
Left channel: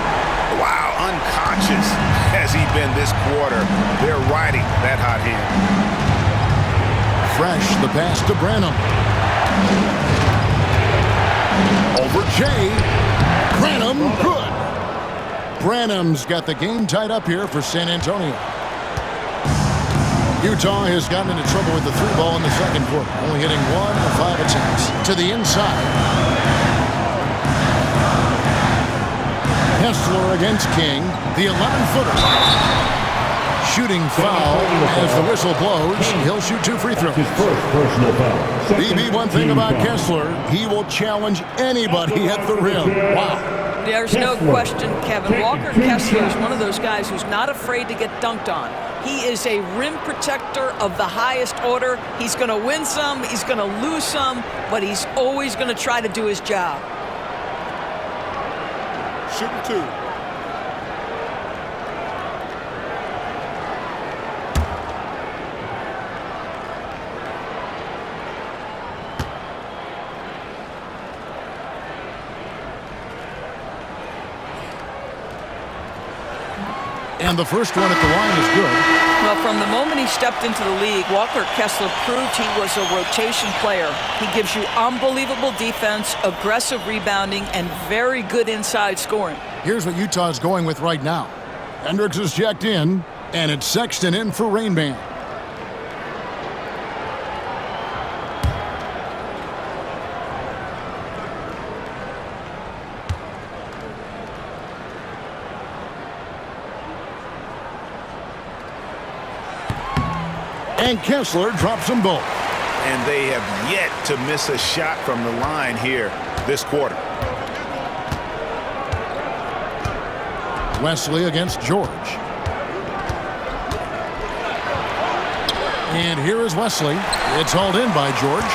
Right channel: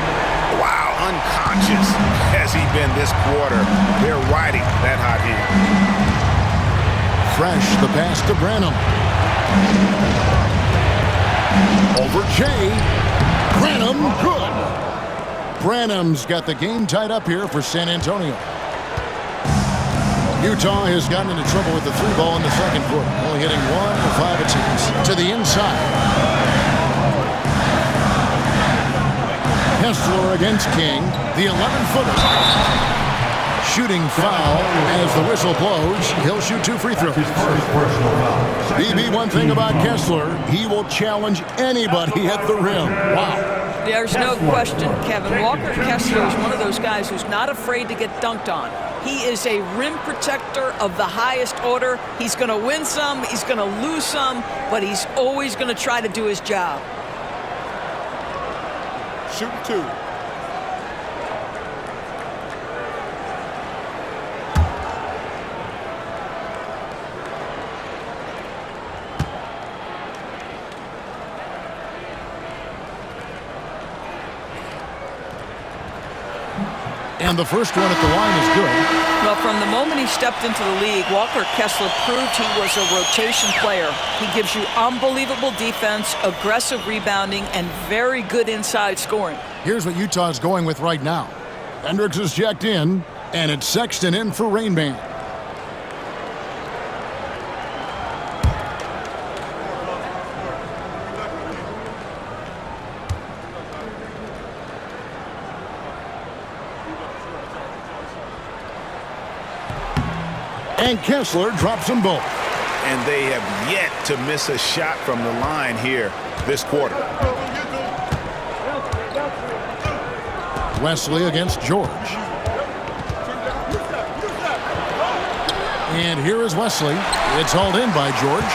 Wow, unconscious has he been this quarter. They're riding that hot hand. Fresh, the pass to Branham. Over Shea. Branham, good. Branham's got the game tied up here for San Antonio. Utah has gotten into trouble with the three ball in the second quarter, only hitting 1 of 5 attempts. To the inside. Kessler against King, the 11-footer. Shooting foul as the whistle blows. He'll shoot 2 free throws. His first personal foul. BB, one thing about Kessler, he will challenge anybody at the rim. Wow. There's no question, Kevin. Walker Kessler is one of those guys who's not afraid to get dunked on. He is a rim protector of the highest order. He's going to win some, he's going to lose some, but he's always going to try to do his job. Shooting 2. And the first one at the line is good. Well, from the moment he stepped into the league, Walker Kessler proved he was a rotation player. He gives you unbelievable defense, aggressive rebounding, and very good inside scoring. Here's what Utah's going with right now. Hendricks is checked in, and it's Sexton in for Rain Man. And Kessler drops them both. And they have yet to miss a shot from the line here this quarter. Wesley against George. And here is Wesley. It's hauled in by George.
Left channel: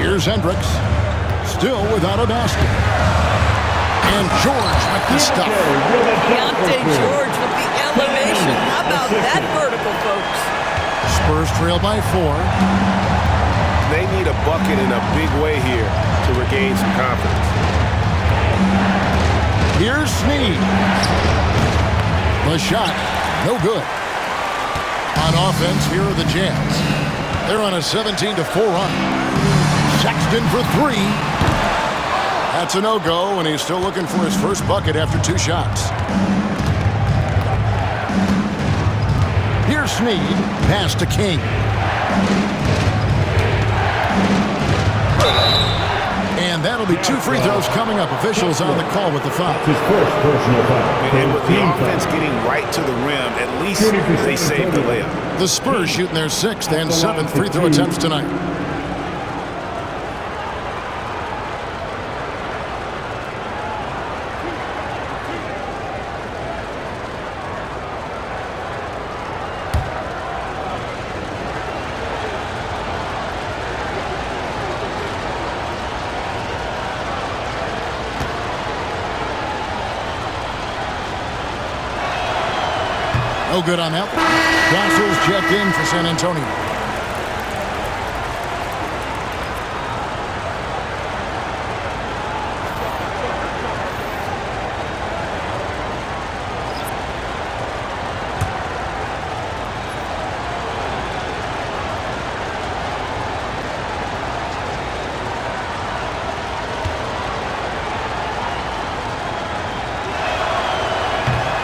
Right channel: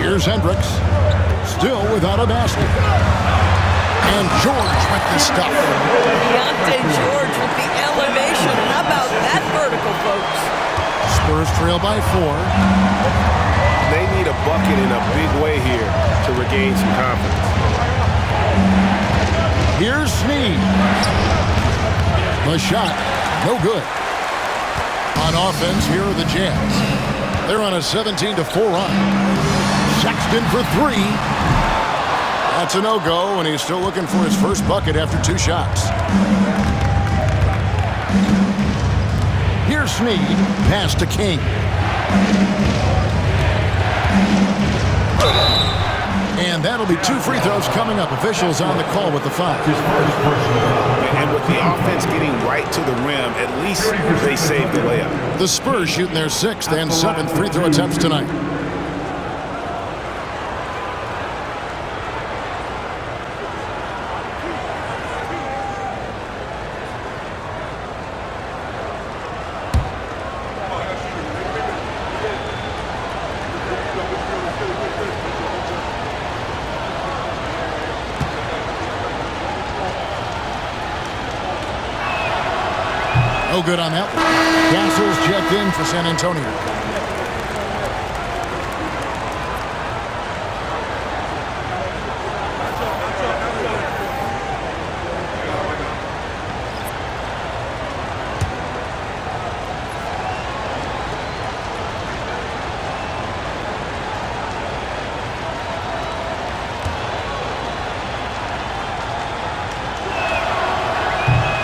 Here's Hendricks. Still without a basket. And George with the stuff. Deontay George with the elevation. How about that vertical, folks? Spurs trail by 4. They need a bucket in a big way here to regain some confidence. Here's Snead. The shot, no good. On offense, here are the Jazz. They're on a 17-4 run. Sexton for 3. That's a no-go, and he's still looking for his first bucket after 2 shots. Here's Snead, pass to King. And that'll be 2 free throws coming up. Officials on the call with the foul. His first personal foul. And with the offense getting right to the rim, at least they saved the layup. The Spurs shooting their 6th and 7th free throw attempts tonight. No good on that one. Castle's checked in for San Antonio.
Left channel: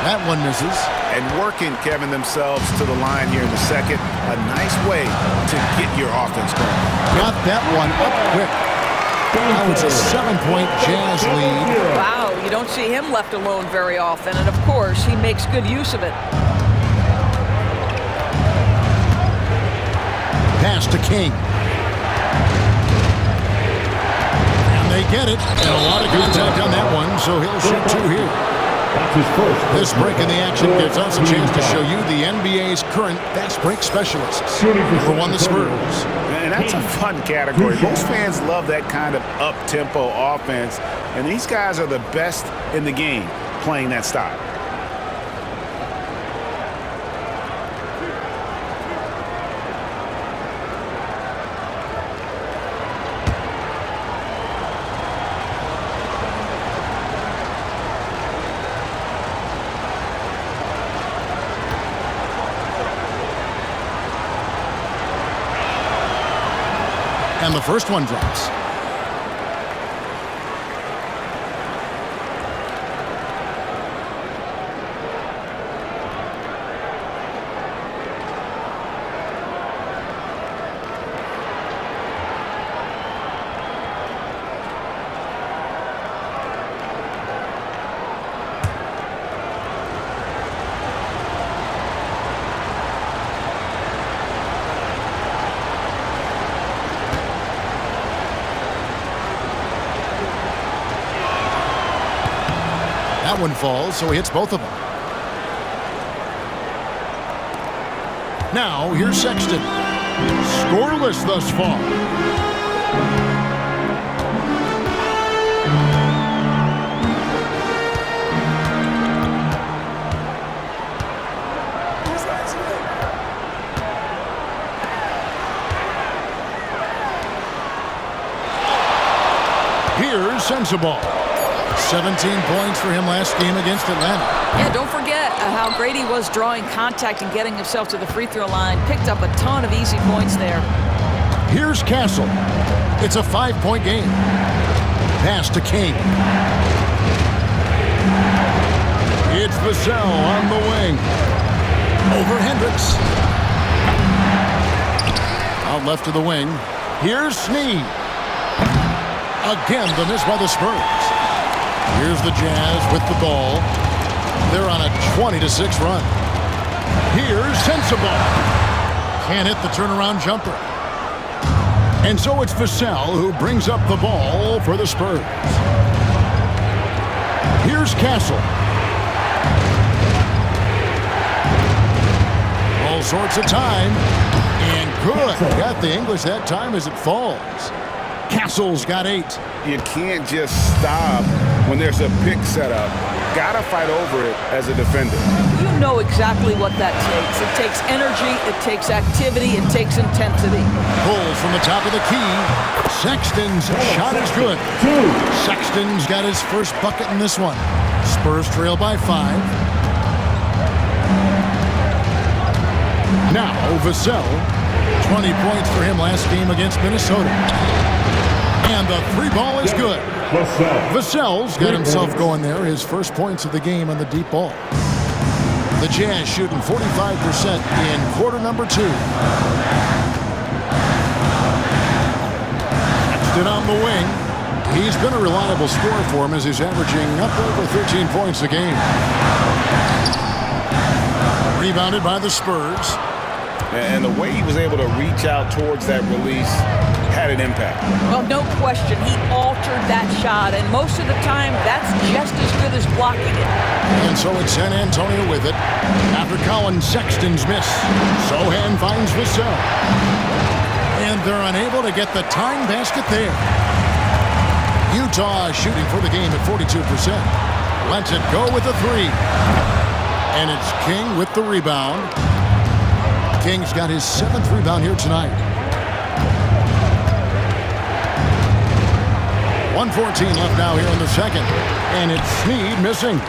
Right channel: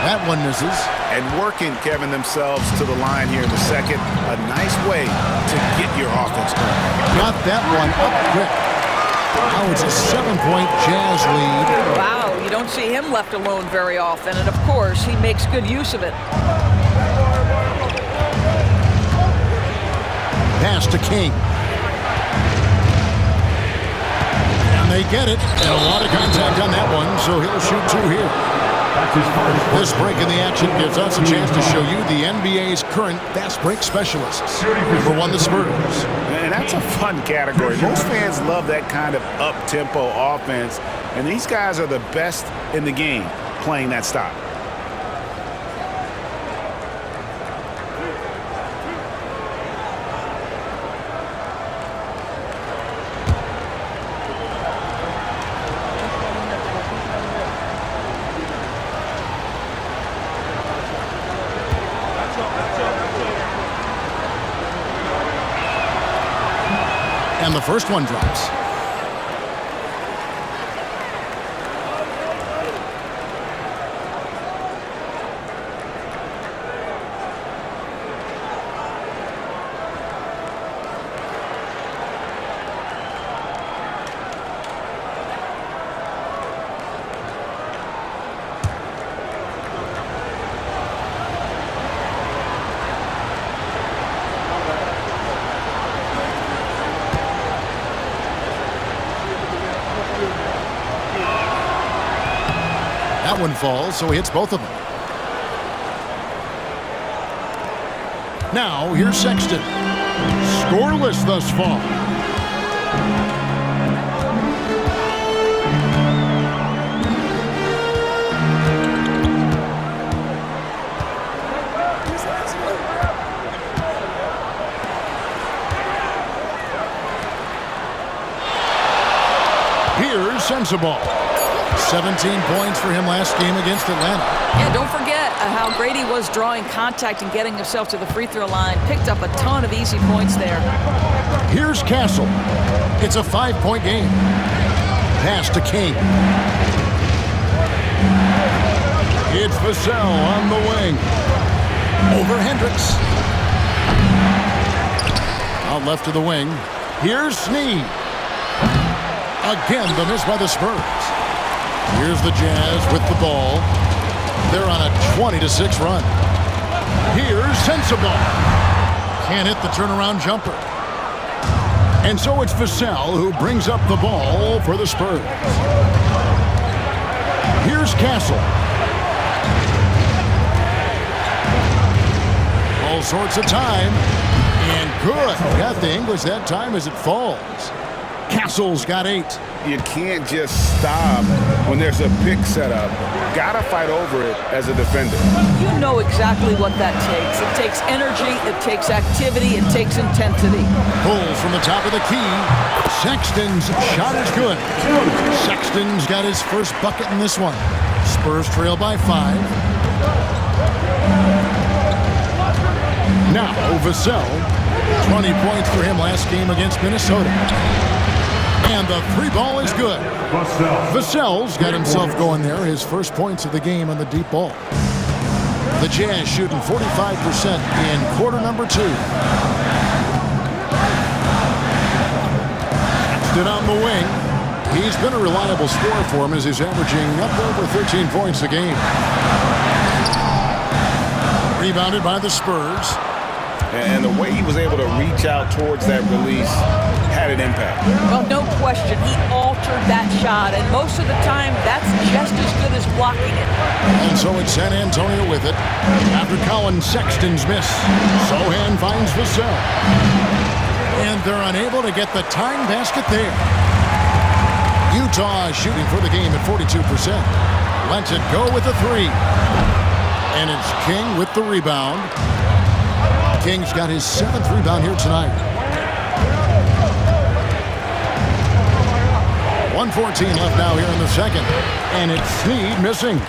That one misses. And working, Kevin, themselves to the line here in the second. A nice way to get your offense going. Got that one up quick. Now it's a 7-point Jazz lead. Wow, you don't see him left alone very often, and of course, he makes good use of it. Pass to King. And they get it. And a lot of contact on that one, so he'll shoot 2 here. That's his first. This break in the action gives us a chance to show you the NBA's current fast break specialists. Number 1, the Spurs. And that's a fun category. Most fans love that kind of up-tempo offense, and these guys are the best in the game playing that style. And the first one drops. That one falls, so he hits both of them. Now, here's Sexton. Scoreless thus far. Here's Sensabaugh. 17 points for him last game against Atlanta. Yeah, don't forget how great he was drawing contact and getting himself to the free throw line. Picked up a ton of easy points there. Here's Castle. It's a 5-point game. Pass to King. It's Vassell on the wing. Over Hendricks. Out left to the wing. Here's Snead. Again, the miss by the Spurs. Here's the Jazz with the ball. They're on a 20-6 run. Here's Sensabaugh. Can't hit the turnaround jumper. And so it's Vassell who brings up the ball for the Spurs. Here's Castle. All sorts of time. And good. Got the English that time as it falls. Castle's got 8. You can't just stop when there's a pick set up. Gotta fight over it as a defender. You know exactly what that takes. It takes energy, it takes activity, it takes intensity. Pulls from the top of the key. Sexton's shot is good. Sexton's got his first bucket in this one. Spurs trail by 5. Now Vassell. 20 points for him last game against Minnesota. And the 3-ball is good. Vassell's got himself going there. His first points of the game on the deep ball. The Jazz shooting 45% in quarter number 2. Sexton on the wing. He's been a reliable scorer for him as he's averaging up over 13 points a game. Rebounded by the Spurs. And the way he was able to reach out towards that release had an impact. Well, no question. He altered that shot, and most of the time, that's just as good as blocking it. And so it's San Antonio with it. After Colin Sexton's miss, Sohan finds Vassell. And they're unable to get the tying basket there. Utah shooting for the game at 42%. Lets it go with a 3. And it's King with the rebound. King's got his 7th rebound here tonight. 1:14 left now here in the second. And it's Snead missing.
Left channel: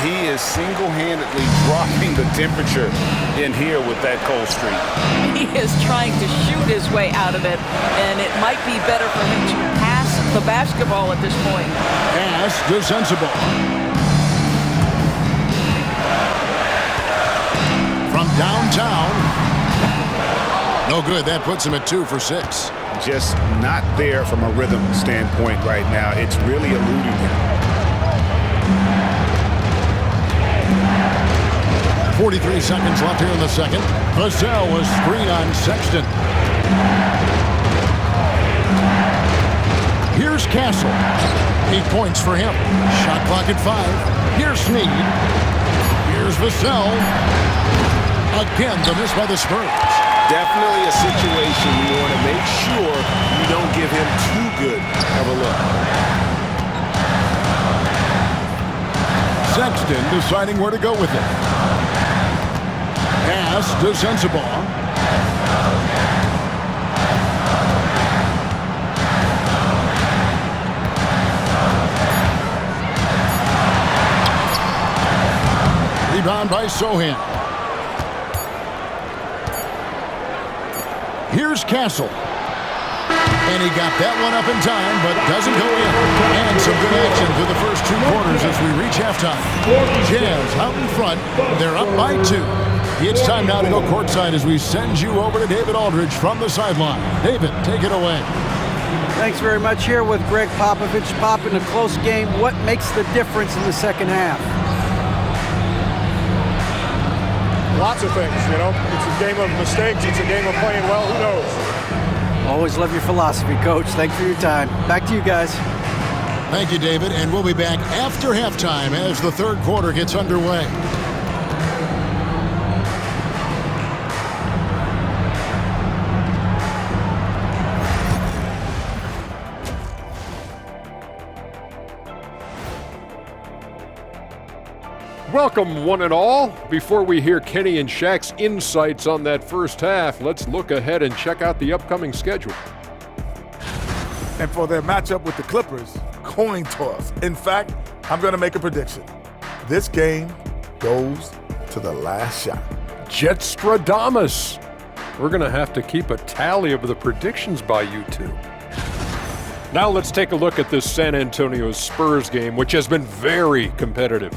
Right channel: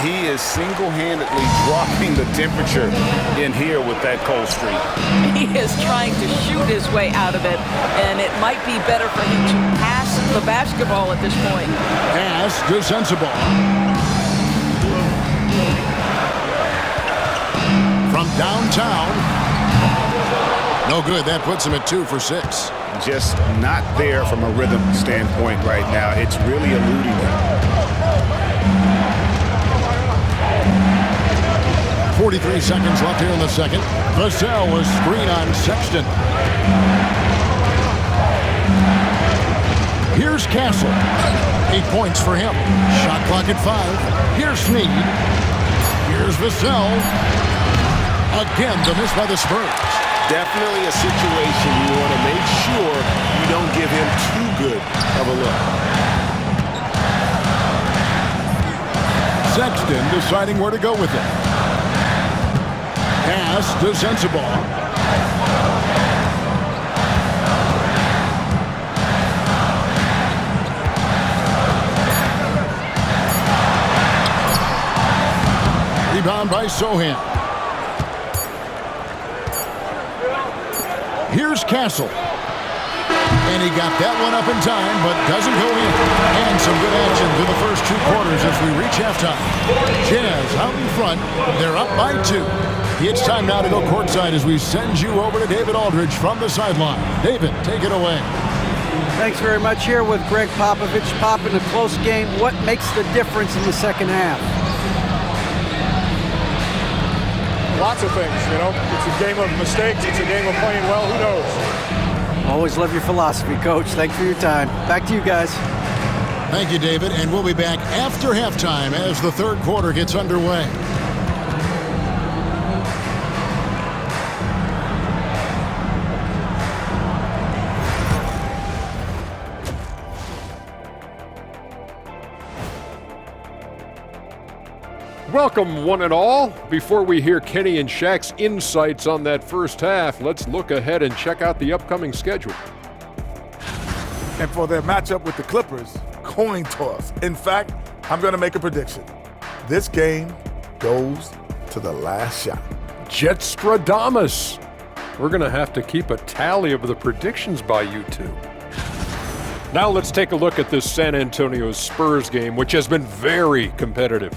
He is single-handedly dropping the temperature in here with that cold streak. He is trying to shoot his way out of it, and it might be better for him to pass the basketball at this point. Pass to Sensabaugh. From downtown. No good. That puts him at 2 for 6. Just not there from a rhythm standpoint right now. It's really eluding him. 43 seconds left here in the second. Vassell was screen on Sexton. Here's Castle. 8 points for him. Shot clock at 5. Here's Snead. Here's Vassell. Again, the miss by the Spurs. Definitely a situation you want to make sure you don't give him too good of a look. Sexton deciding where to go with it. Pass to Sensabaugh. Rebound by Sohan. Here's Castle. And he got that one up in time, but doesn't go in. And some good action through the first 2 quarters as we reach halftime. Jazz out in front. They're up by 2. It's time now to go courtside as we send you over to David Aldridge from the sideline. David, take it away. Thanks very much. Here with Greg Popovich. Pop, in a close game, what makes the difference in the second half? Lots of things, you know. It's a game of mistakes. It's a game of playing well. Who knows? Always love your philosophy, Coach. Thanks for your time. Back to you guys. Thank you, David. And we'll be back after halftime as the third quarter gets underway. Welcome, one and all. Before we hear Kenny and Shaq's insights on that first half, let's look ahead and check out the upcoming schedule. And for their matchup with the Clippers, coin toss. In fact, I'm going to make a prediction. This game goes to the last shot. Jetstradamus. We're going to have to keep a tally of the predictions by you two. Now let's take a look at this San Antonio Spurs game, which has been very competitive.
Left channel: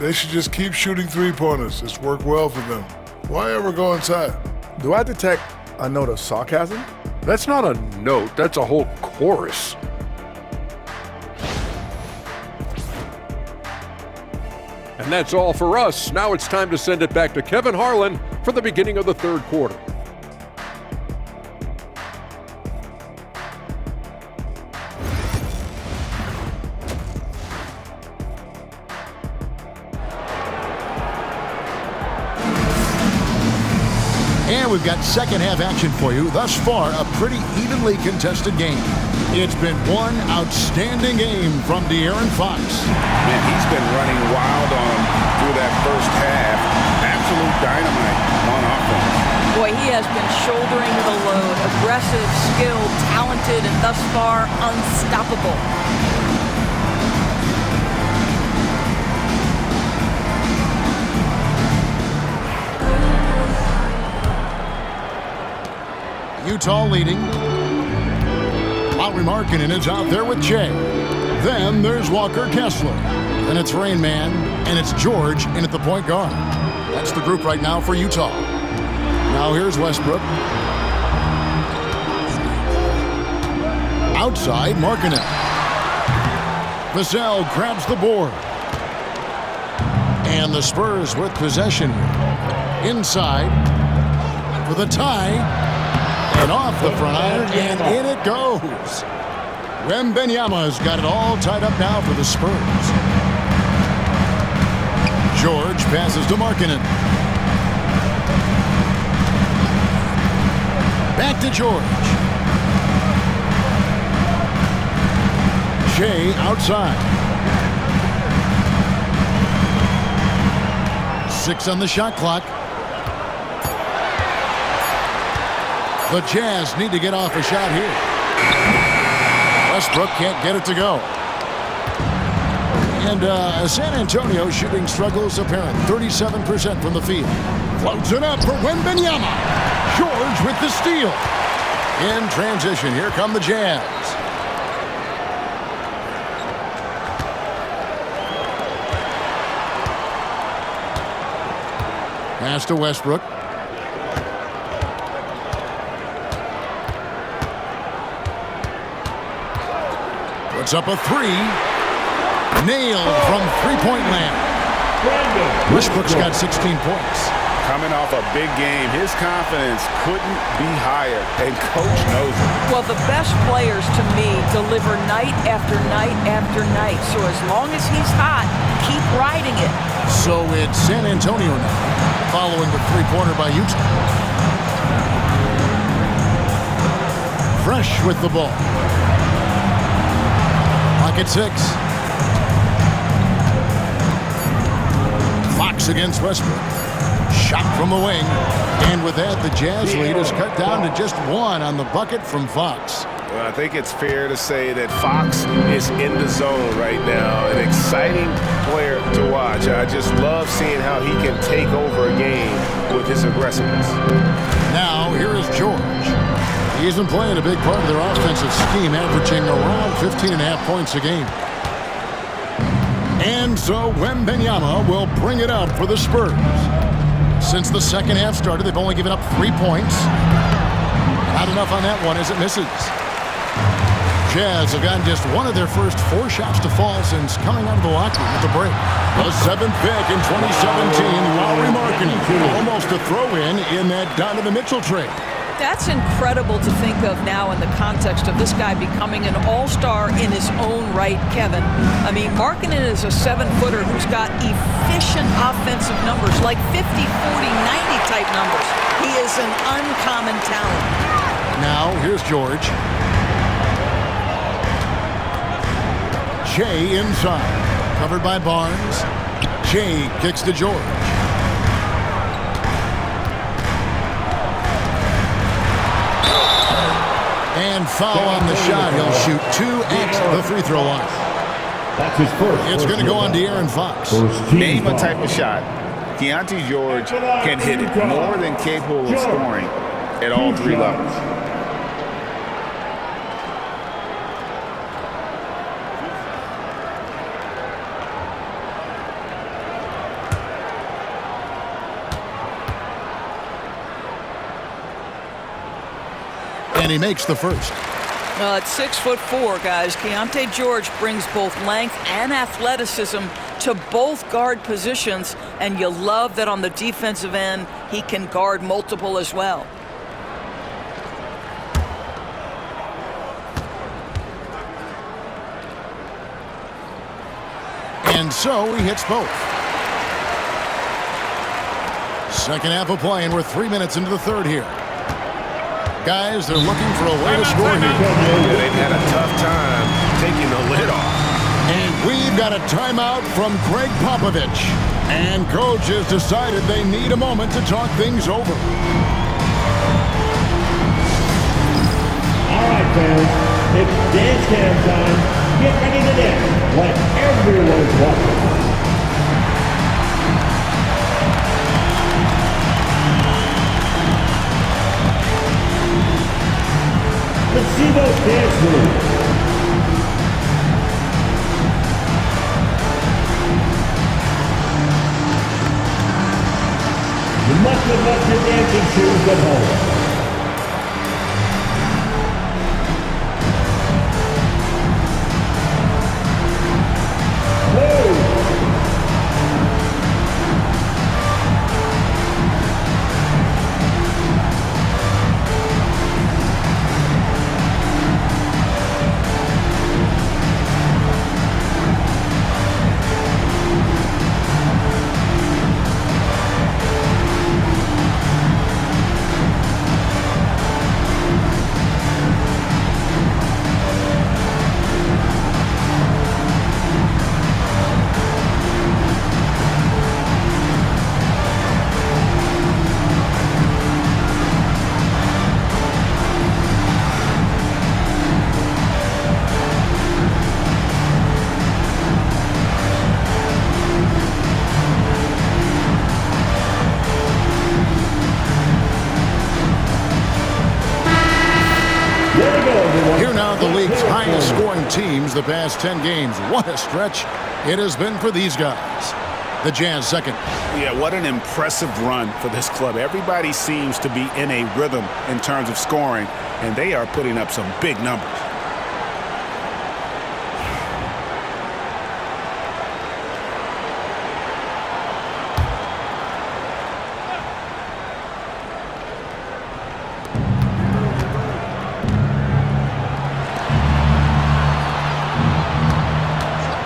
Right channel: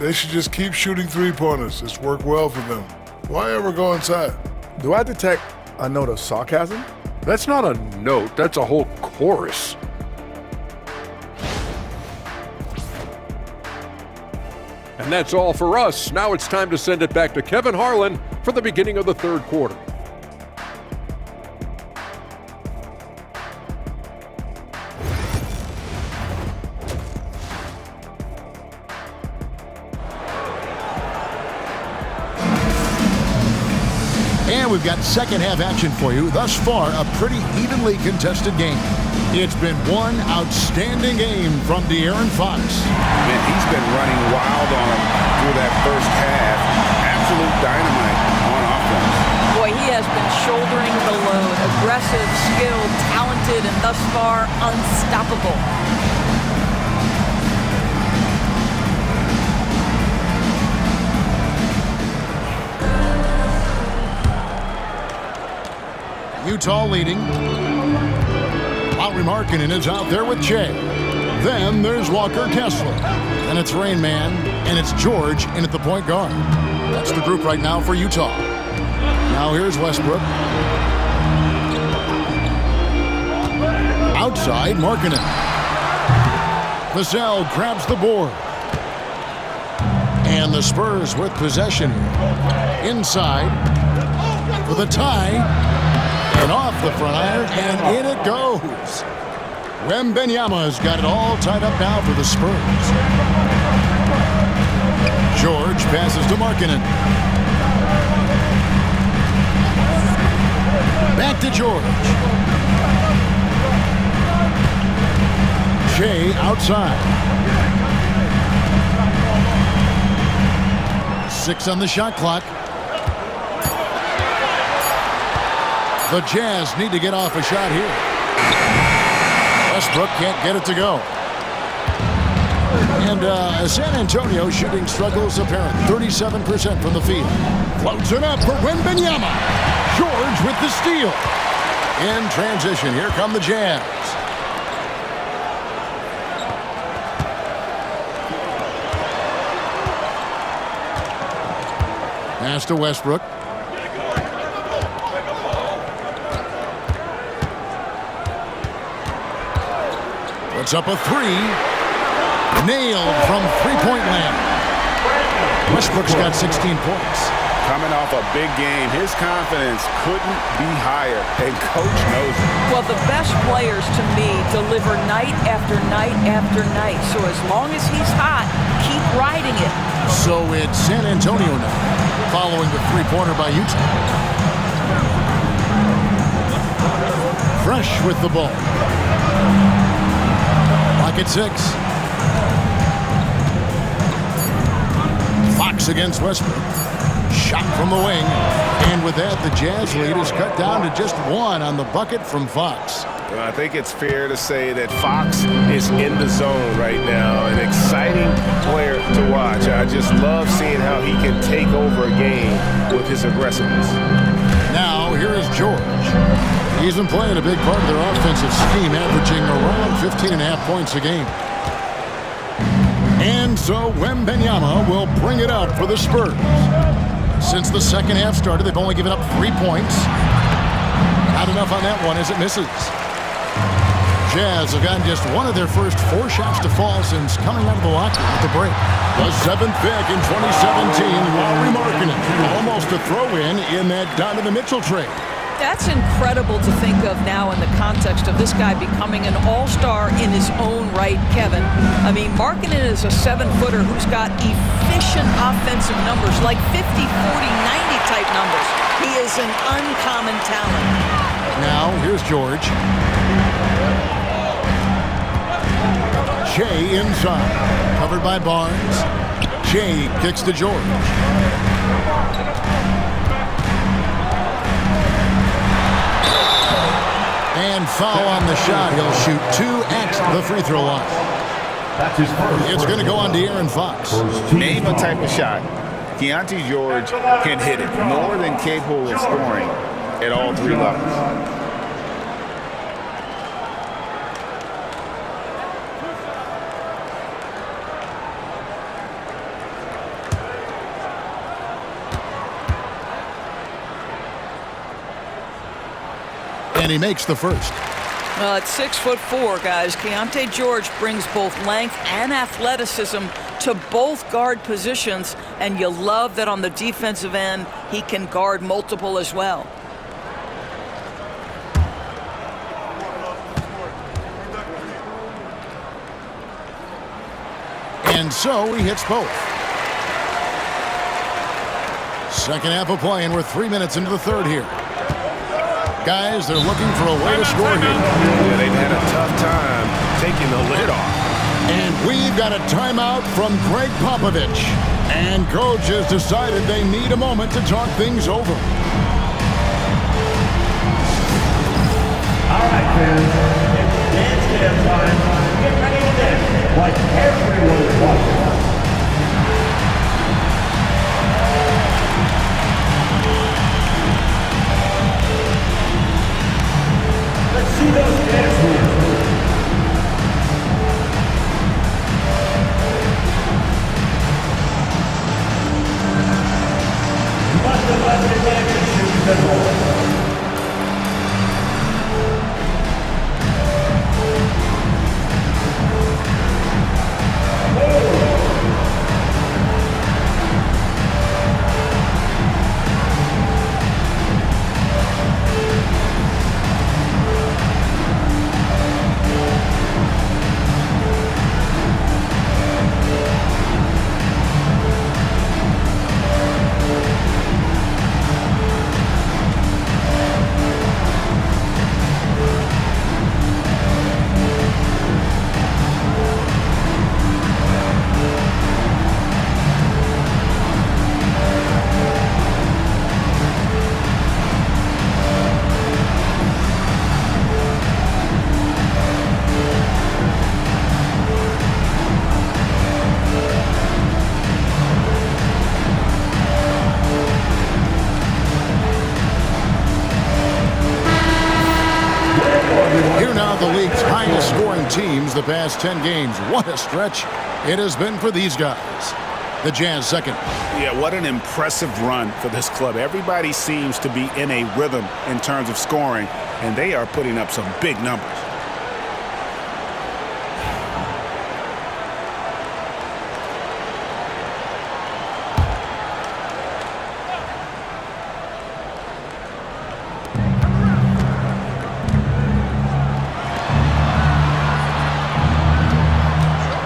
They should just keep shooting three-pointers. It's worked well for them. Why ever go inside? Do I detect a note of sarcasm? That's not a note, that's a whole chorus. And that's all for us. Now it's time to send it back to Kevin Harlan for the beginning of the third quarter. And we've got second half action for you. Thus far, a pretty evenly contested game. It's been one outstanding game from De'Aaron Fox. Man, he's been running wild on him through that first half. Absolute dynamite on offense. Boy, he has been shouldering the load. Aggressive, skilled, talented, and thus far, unstoppable. Utah leading. Lauri Markkanen is out there with Jay. Then there's Walker Kessler. Then it's Rain Man, and it's George in at the point guard. That's the group right now for Utah. Now here's Westbrook. Outside, Markkanen. Vassell grabs the board. And the Spurs with possession here. Inside for the tie. And off the front iron, and in it goes. Wembanyama's got it all tied up now for the Spurs. George passes to Markkanen. Back to George. Shea outside. 6 on the shot clock. The Jazz need to get off a shot here. Westbrook can't get it to go. And San Antonio shooting struggles apparent. 37% from the field. Floats it up for Wembanyama. George with the steal. In transition, here come the Jazz. Pass to Westbrook. Puts up a 3. Nailed from three-point land. Westbrook's got 16 points. Coming off a big game, his confidence couldn't be higher, and coach knows it. Well, the best players, to me, deliver night after night after night. So as long as he's hot, keep riding it. So it's San Antonio now, following the three-pointer by Utah. Fresh with the ball. Clock at 6. Fox against Westbrook. Shot from the wing. And with that, the Jazz lead is cut down to just 1 on the bucket from Fox. Well, I think it's fair to say that Fox is in the zone right now. An exciting player to watch. I just love seeing how he can take over a game with his aggressiveness. Now, here is George. He's been playing a big part of their offensive scheme, averaging around 15.5 points a game. And so Wembanyama will bring it up for the Spurs. Since the second half started, they've only given up 3 points. Not enough on that one as it misses. Jazz have gotten just one of their first 4 shots to fall since coming out of the locker room with the break. The 7th pick in 2017, Lauri Markkanen, almost a throw-in in that Donovan Mitchell trade. That's incredible to think of now in the context of this guy becoming an all-star in his own right, Kevin. I mean, Markkanen is a 7-footer who's got efficient offensive numbers, like 50, 40, 90 type numbers. He is an uncommon talent. Now, here's George. Shea inside, covered by Barnes. Shea kicks to George. And foul on the shot. He'll shoot 2 at the free throw line. That's his first. It's going to go on De'Aaron Fox. Name a type of shot. Keontae George can hit it, more than capable of scoring at all 3 levels. And he makes the first. At 6'4", guys, Keontae George brings both length and athleticism to both guard positions, and you love that on the defensive end, he can guard multiple as well. And so he hits both. Second half of play, and we're 3 minutes into the third here. Guys, they're looking for a way to score here. Yeah, they've had a tough time taking the lid off. And we've got a timeout from Greg Popovich. And coach has decided they need a moment to talk things over. All right, fans, it's dance cam time. Get ready to dance like everyone's watching. See those dance moves. You must have left your dancing shoes at home. league's highest scoring teams the past 10 games. What a stretch it has been for these guys. The Jazz second. Yeah, what an impressive run for this club. Everybody seems to be in a rhythm in terms of scoring, and they are putting up some big numbers.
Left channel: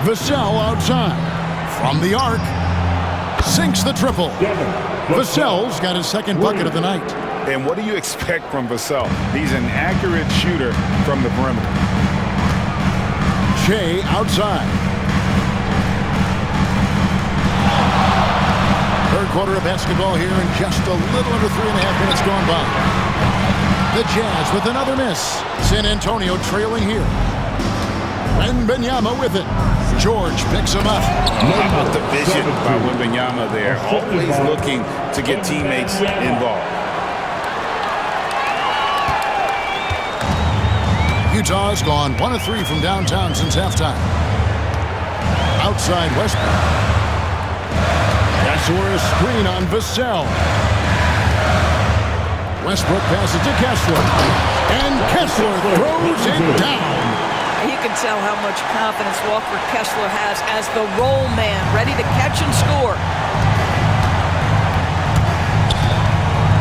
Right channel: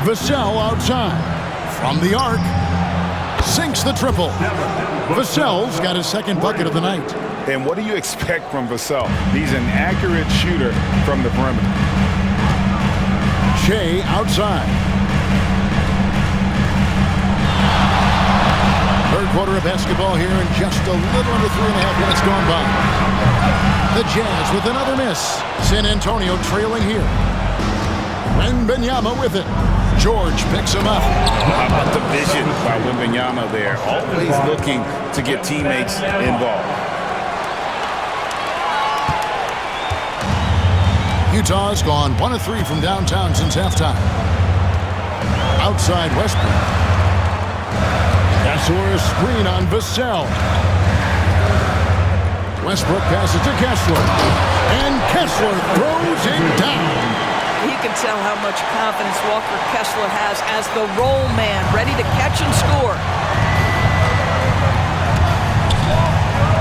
Vassell outside. From the arc. Sinks the triple. Vassell's got his second bucket of the night. And what do you expect from Vassell? He's an accurate shooter from the perimeter. Shea outside. Third quarter of basketball here, and just a little under 3.5 minutes gone by. The Jazz with another miss. San Antonio trailing here. Wembanyama with it. George picks him up. How about the vision by Wembanyama there? Always looking to get teammates involved. Utah's gone 1 of 3 from downtown since halftime. Outside Westbrook. Kessler screen on Vassell. Westbrook passes to Kessler. And Kessler throws it down. You can tell how much confidence Walker Kessler has as the roll man, ready to catch and score.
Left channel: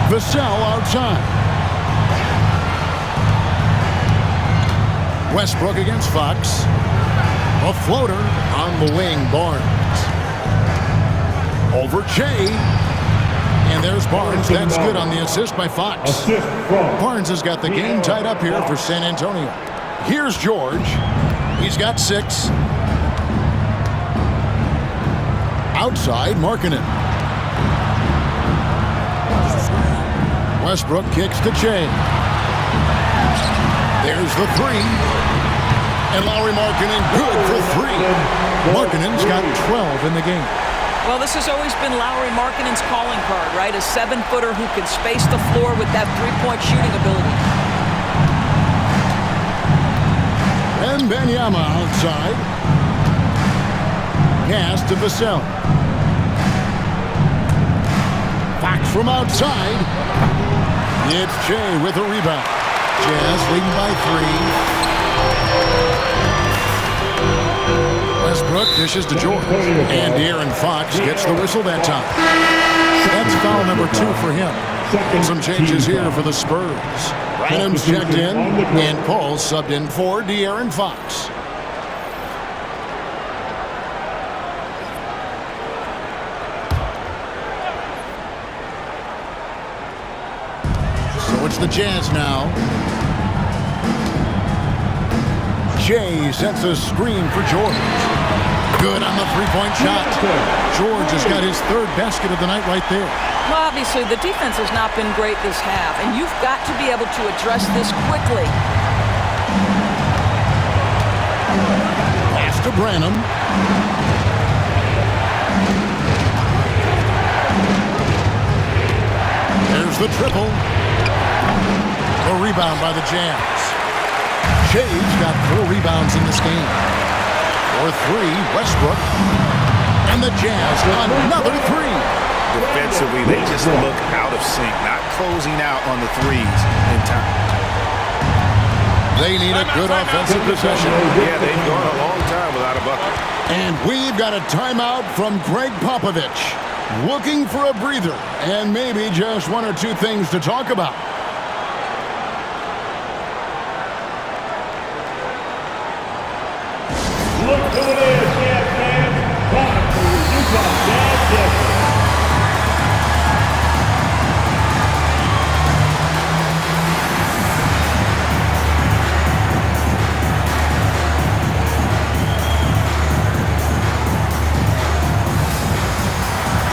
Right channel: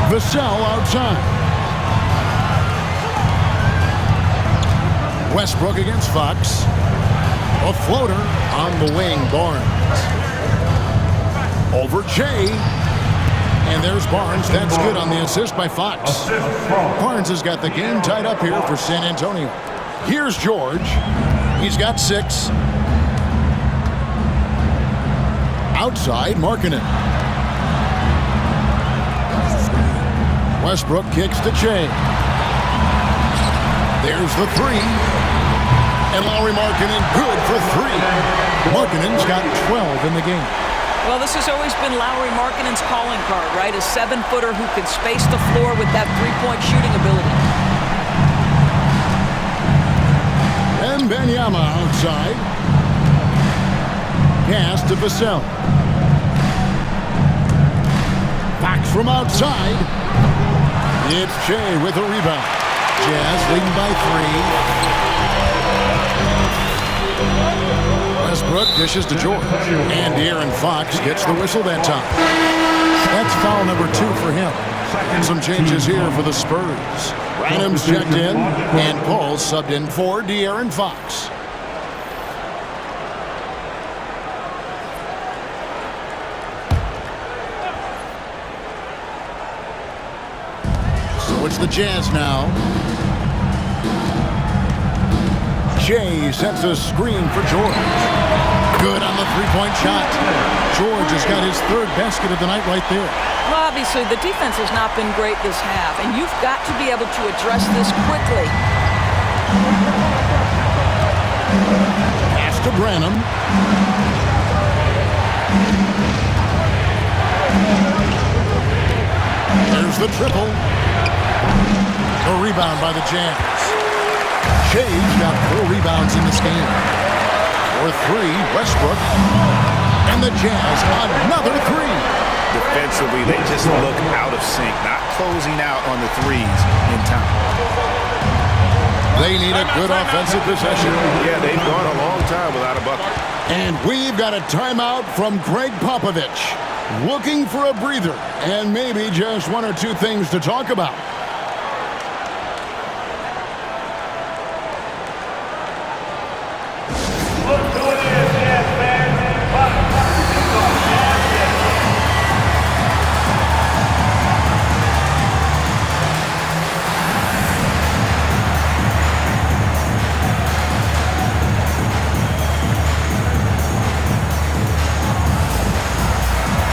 Vassell outside. Westbrook against Fox. A floater on the wing, Barnes. Over Shea. And there's Barnes. That's good on the assist by Fox. Barnes has got the game tied up here for San Antonio. Here's George. He's got 6. Outside, Markkanen. Westbrook kicks to Shea. There's the 3. And Lauri Markkanen good for 3. Markkanen's got 12 in the game. Well, this has always been Lauri Markkanen's calling card, right? A 7-footer who can space the floor with that 3-point shooting ability. Wembanyama outside. Pass to Vassell. Fox from outside. It's Shea with a rebound. Jazz leading by 3. Westbrook dishes to George. And De'Aaron Fox gets the whistle that time. That's foul number 2 for him. Some changes here for the Spurs. Branham's checked in, and Paul subbed in for De'Aaron Fox. So it's the Jazz now. Shea sets a screen for George. Good on the 3-point shot. George has got his 3rd basket of the night right there. Well, obviously, the defense has not been great this half, and you've got to be able to address this quickly. Pass to Branham. There's the triple. The rebound by the Jazz. Shea's got 4 rebounds in this game. For 3, Westbrook. And the Jazz another 3. Defensively, they just look out of sync, not closing out on the 3s in time. They need a good offensive possession. Yeah, they've gone a long time without a bucket. And we've got a timeout from Greg Popovich. Looking for a breather and maybe just 1 or 2 things to talk about.